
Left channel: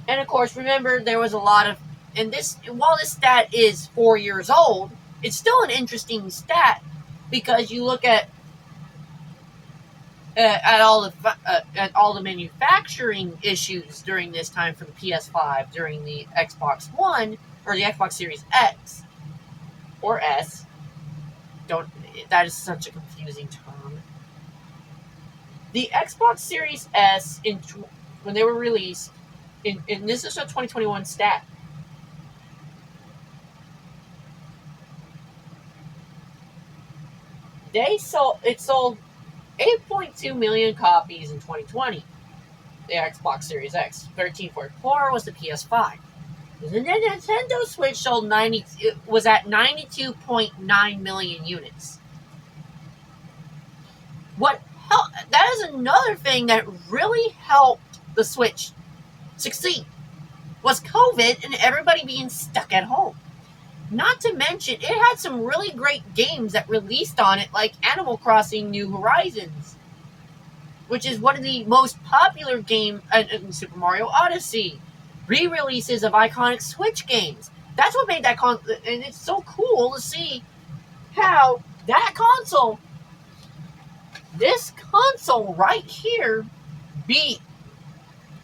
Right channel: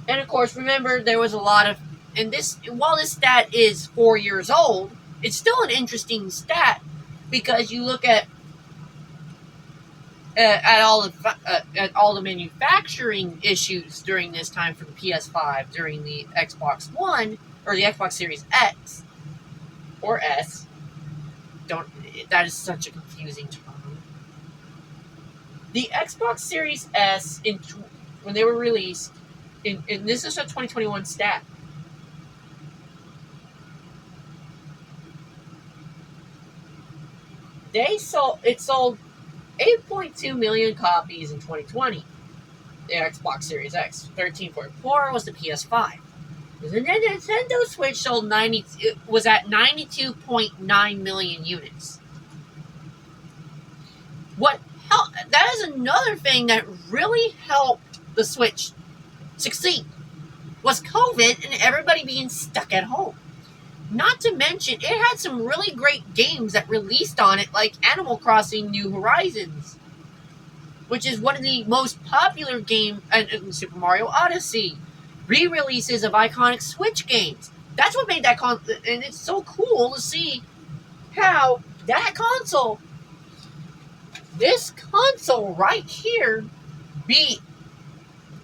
And of course, remember, there was a lot of, and this, while this stat is 4 years old, it's still an interesting stat because you look at all the manufacturing issues during this time for the PS5, during the Xbox One or the Xbox Series X or S. That is such a confusing term. The Xbox Series S when they were released, and this is a 2021 stat. It sold 8.2 million copies in 2020. The Xbox Series X. 13.4 was the PS5. The Nintendo Switch was at 92.9 million units. That is another thing that really helped the Switch succeed, was COVID and everybody being stuck at home. Not to mention, it had some really great games that released on it, like Animal Crossing New Horizons, which is one of the most popular games, and Super Mario Odyssey, re-releases of iconic Switch games. That's what made that console, and it's so cool to see how that console, this console right here,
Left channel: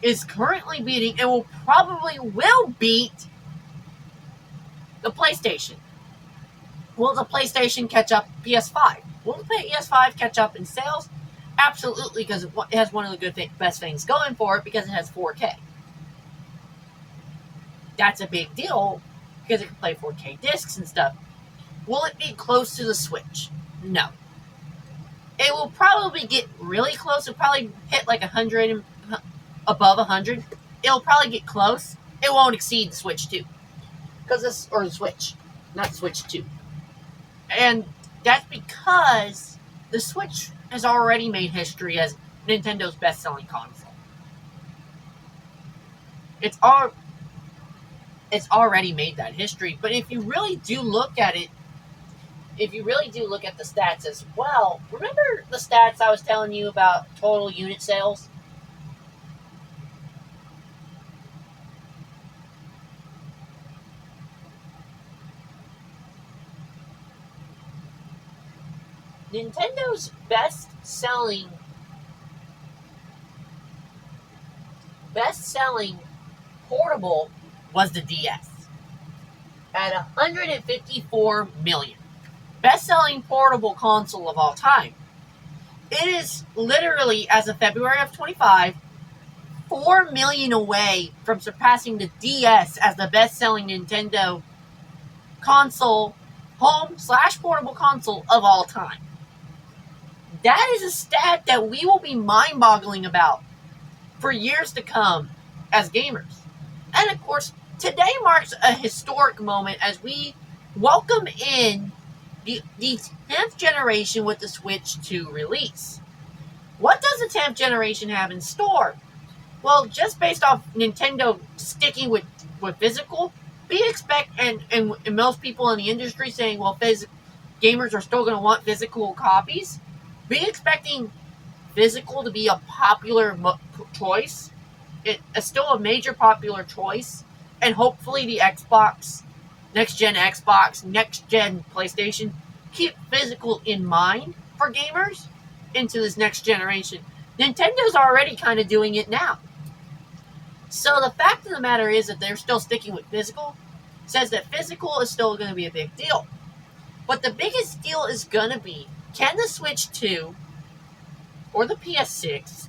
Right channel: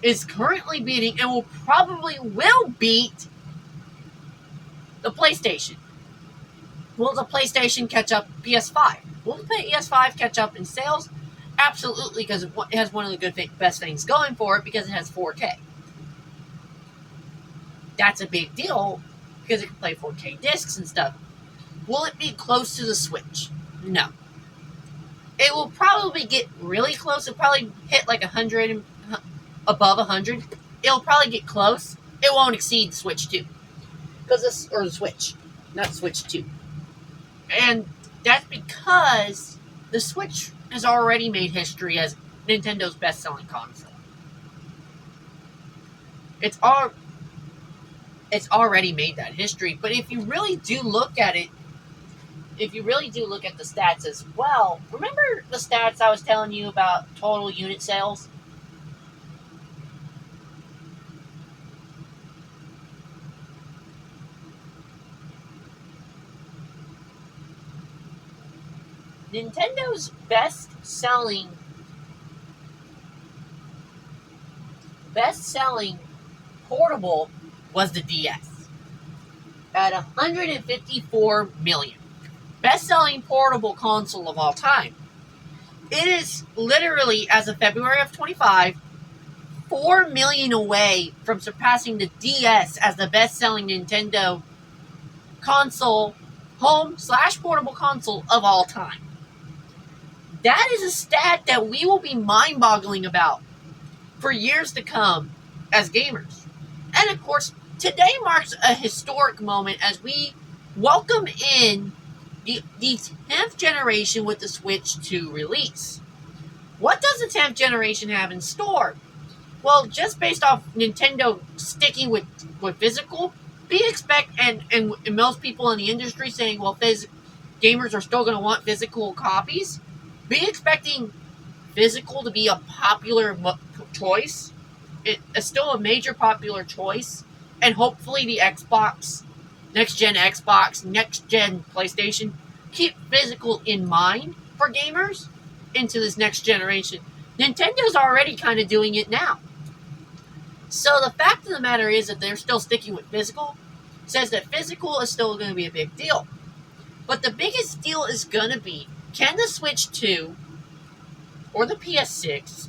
is currently beating, and will beat the PlayStation. Will the PlayStation catch up PS5? Will the PS5 catch up in sales? Absolutely, because it has one of the best things going for it, because it has 4K. That's a big deal, because it can play 4K discs and stuff. Will it be close to the Switch? No. It will probably get really close. It'll probably hit like 100, above 100. It'll probably get close. It won't exceed the Switch 2. Or the Switch, not Switch 2. And that's because the Switch has already made history as Nintendo's best-selling console. It's already made that history. But if you really do look at it, if you really do look at the stats as well, remember the stats I was telling you about total unit sales? Nintendo's best-selling portable was the DS at 154 million. Best-selling portable console of all time. It is literally, as of February of 25, 4 million away from surpassing the DS as the best-selling Nintendo console, home/portable console of all time. That is a stat that we will be mind-boggling about for years to come as gamers. And of course, today marks a historic moment as we welcome in the 10th generation with the Switch 2 release. What does the 10th generation have in store? Well, just based off Nintendo sticking with physical, and most people in the industry saying, well, gamers are still going to want physical copies, be expecting physical to be a popular choice. It's still a major popular choice. And hopefully the Xbox, next-gen Xbox, next-gen PlayStation, keep physical in mind for gamers into this next generation. Nintendo's already kind of doing it now. So the fact of the matter is that they're still sticking with physical, says that physical is still going to be a big deal. But the biggest deal is going to be, can the Switch 2 or the PS6,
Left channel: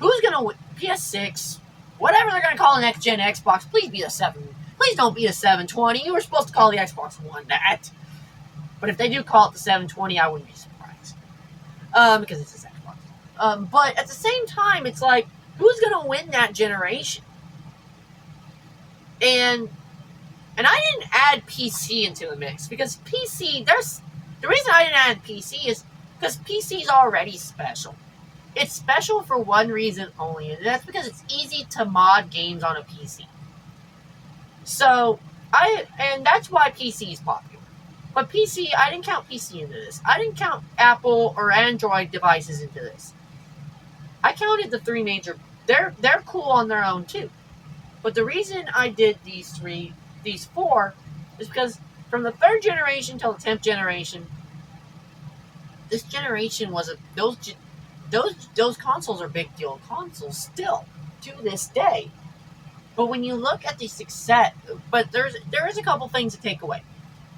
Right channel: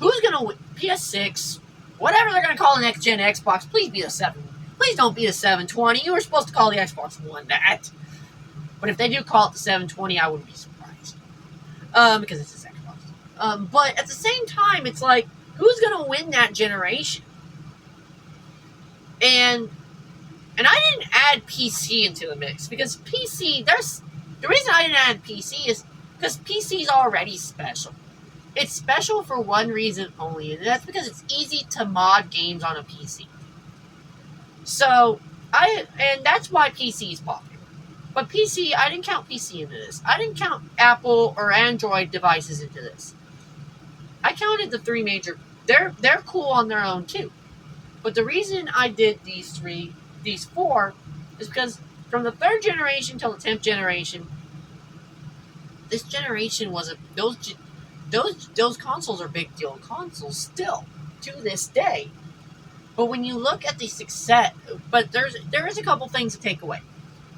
who's going to win? PS6, whatever they're going to call the next-gen Xbox, please be a 7. Please don't be a 720. You were supposed to call the Xbox One that. But if they do call it the 720, I wouldn't be surprised. Because it's this Xbox. But at the same time, it's like, who's going to win that generation? And I didn't add PC into the mix, because PC, the reason I didn't add PC is because PC's already special. It's special for one reason only, and that's because it's easy to mod games on a PC. So, and that's why PC is popular. But PC, I didn't count PC into this. I didn't count Apple or Android devices into this. I counted the three major. They're cool on their own too. But the reason I did these four, is because from the third generation till the 10th generation, this generation was those consoles are big deal consoles still to this day. But when you look at the success, but there is a couple things to take away.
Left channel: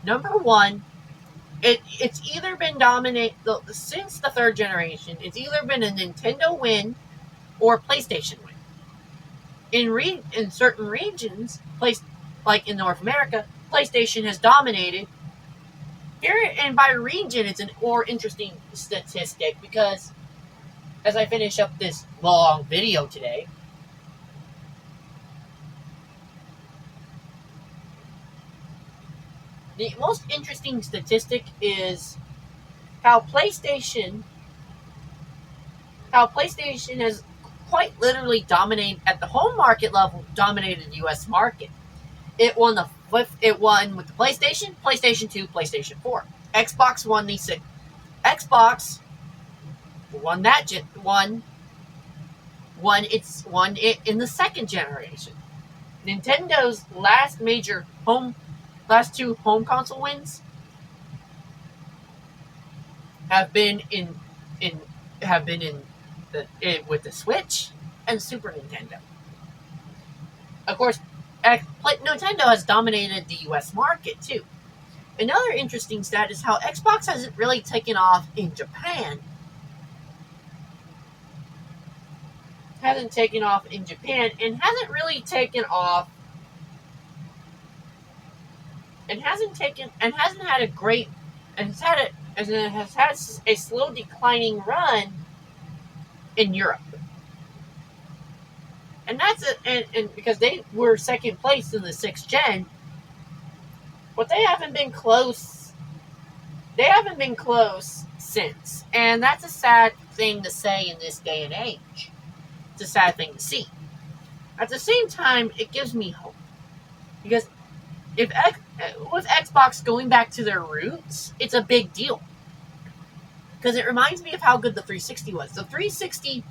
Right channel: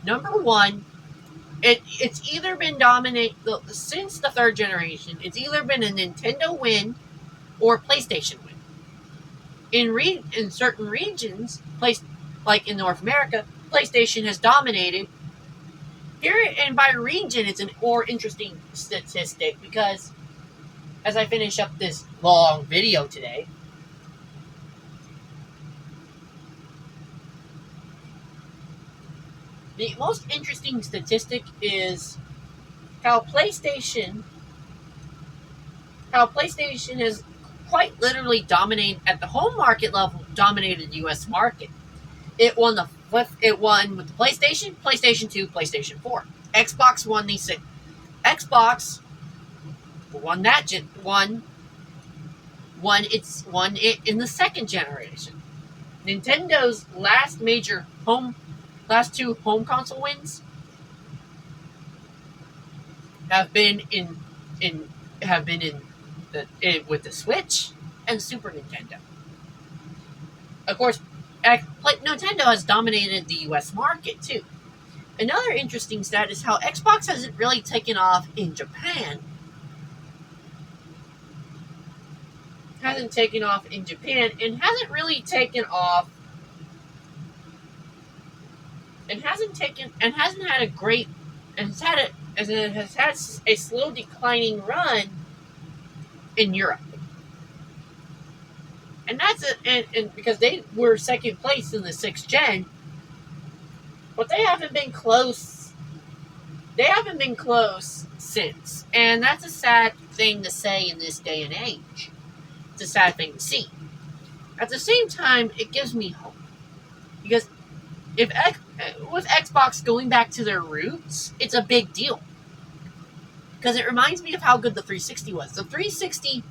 Number one, it's either been dominate since the third generation. It's either been a Nintendo win or a PlayStation win. In certain regions, like in North America, PlayStation has dominated. Here and by region, it's an more interesting statistic because as I finish up this long video today, the most interesting statistic is how PlayStation has quite literally dominated at the home market level, dominated the U.S. market. It won with the PlayStation 2, PlayStation 4. Xbox won the six. Xbox won it in the second generation. Nintendo's last two home console wins have been with the Switch and Super Nintendo. Of course, Nintendo has dominated the U.S. market too. Another interesting stat is how Xbox hasn't really taken off in Japan. And hasn't really taken off and hasn't had a great and has had a slow declining run in Europe. And that's and because they were second place in the 6th gen, but they haven't been close. They haven't been close since, and that's a sad thing to say in this day and age. It's a sad thing to see. At the same time, it gives me hope because with Xbox going back to their roots, it's a big deal because it reminds me of how good the 360 was. The 360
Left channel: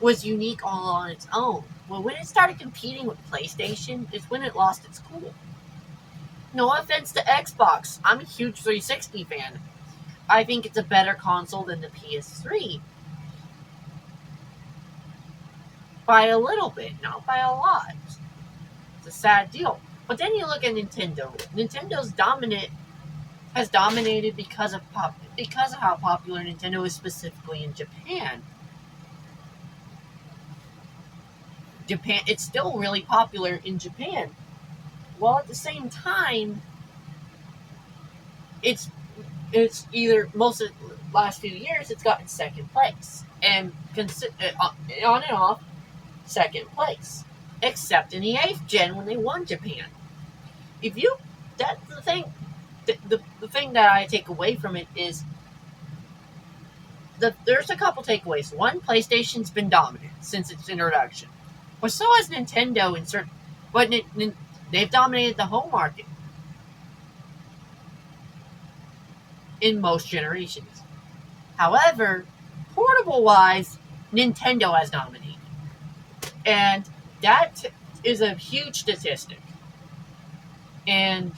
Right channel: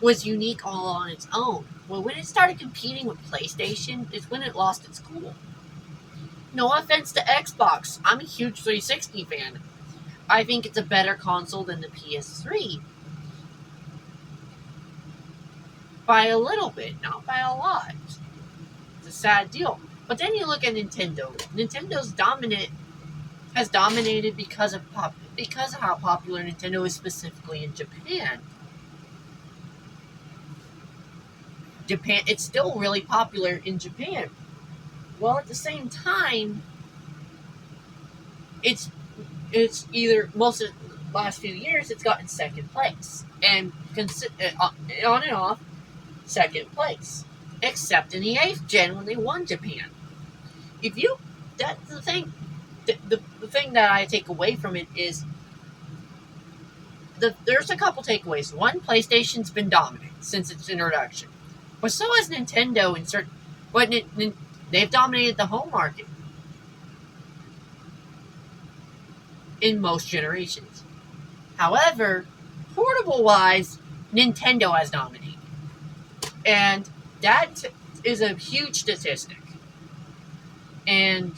was unique all on its own. Well, when it started competing with PlayStation, is when it lost its cool. No offense to Xbox, I'm a huge 360 fan. I think it's a better console than the PS3. By a little bit, not by a lot. It's a sad deal. But then you look at Nintendo. Has dominated because of how popular Nintendo is specifically in Japan. It's still really popular in Japan. Well, at the same time, it's either most of the last few years it's gotten second place and on and off second place, except in the 8th gen when they won Japan. That's the thing. The thing that I take away from it is there's a couple takeaways. One, PlayStation's been dominant since its introduction, but so has Nintendo in certain. But they've dominated the home market in most generations. However, portable-wise, Nintendo has dominated. And that is a huge statistic. And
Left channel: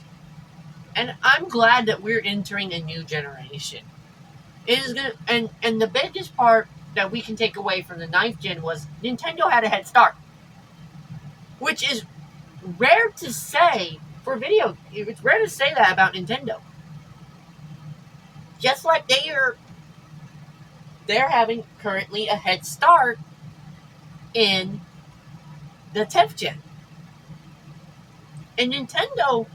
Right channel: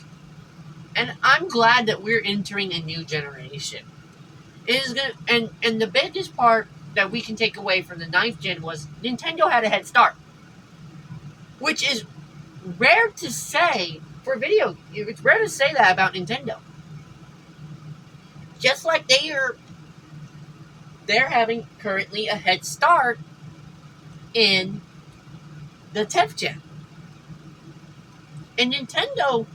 I'm glad that we're entering a new generation. It is gonna and the biggest part that we can take away from the 9th gen was Nintendo had a head start. Which is rare to say for video. It's rare to say that about Nintendo. Just like they're having currently a head start in the 10th gen. And Nintendo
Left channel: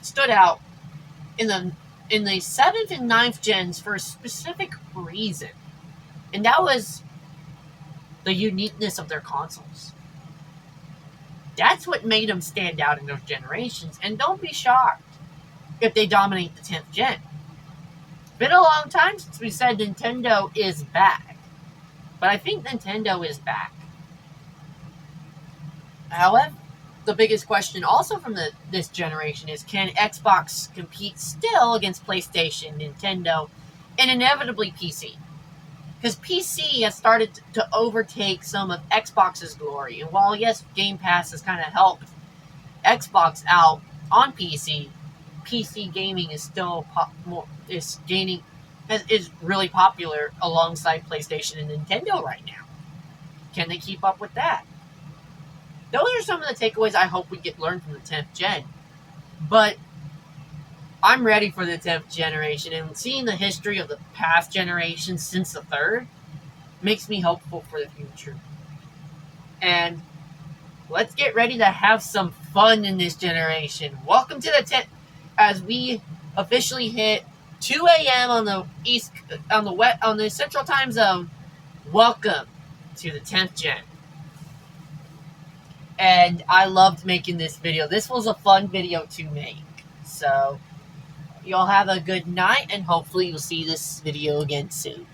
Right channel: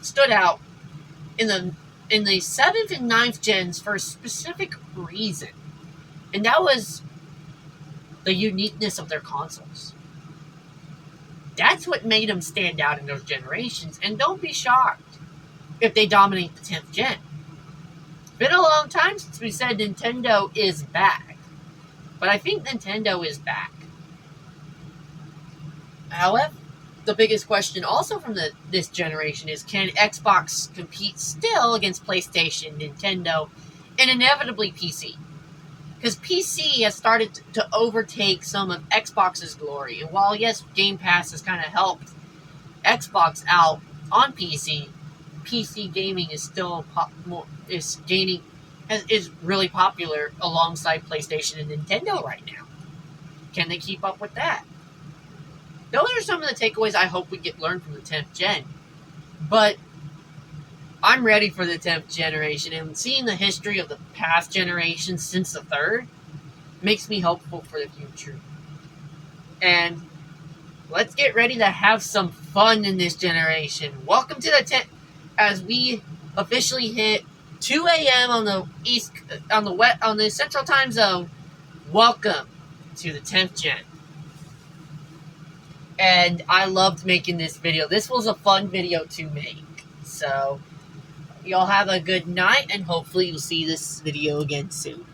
stood out in the 7th and 9th gens for a specific reason. And that was the uniqueness of their consoles. That's what made them stand out in those generations. And don't be shocked if they dominate the 10th gen. been a long time since we said Nintendo is back. But I think Nintendo is back. However, the biggest question also from this generation is, can Xbox compete still against PlayStation, Nintendo, and inevitably PC? Because PC has started to overtake some of Xbox's glory. And while, yes, Game Pass has kind of helped Xbox out on PC, PC gaming is still is really popular alongside PlayStation and Nintendo right now. Can they keep up with that? Those are some of the takeaways I hope we learn from the 10th gen. But I'm ready for the 10th generation, and seeing the history of the past generations since the third makes me hopeful for the future. And let's get ready to have some fun in this generation. Welcome to the 10th, as we officially hit 2 a.m. on the Central Time Zone. Welcome to the 10th gen. And I loved making this video. This was a fun video to make. So, y'all have a good night, and hopefully you'll see this video again soon.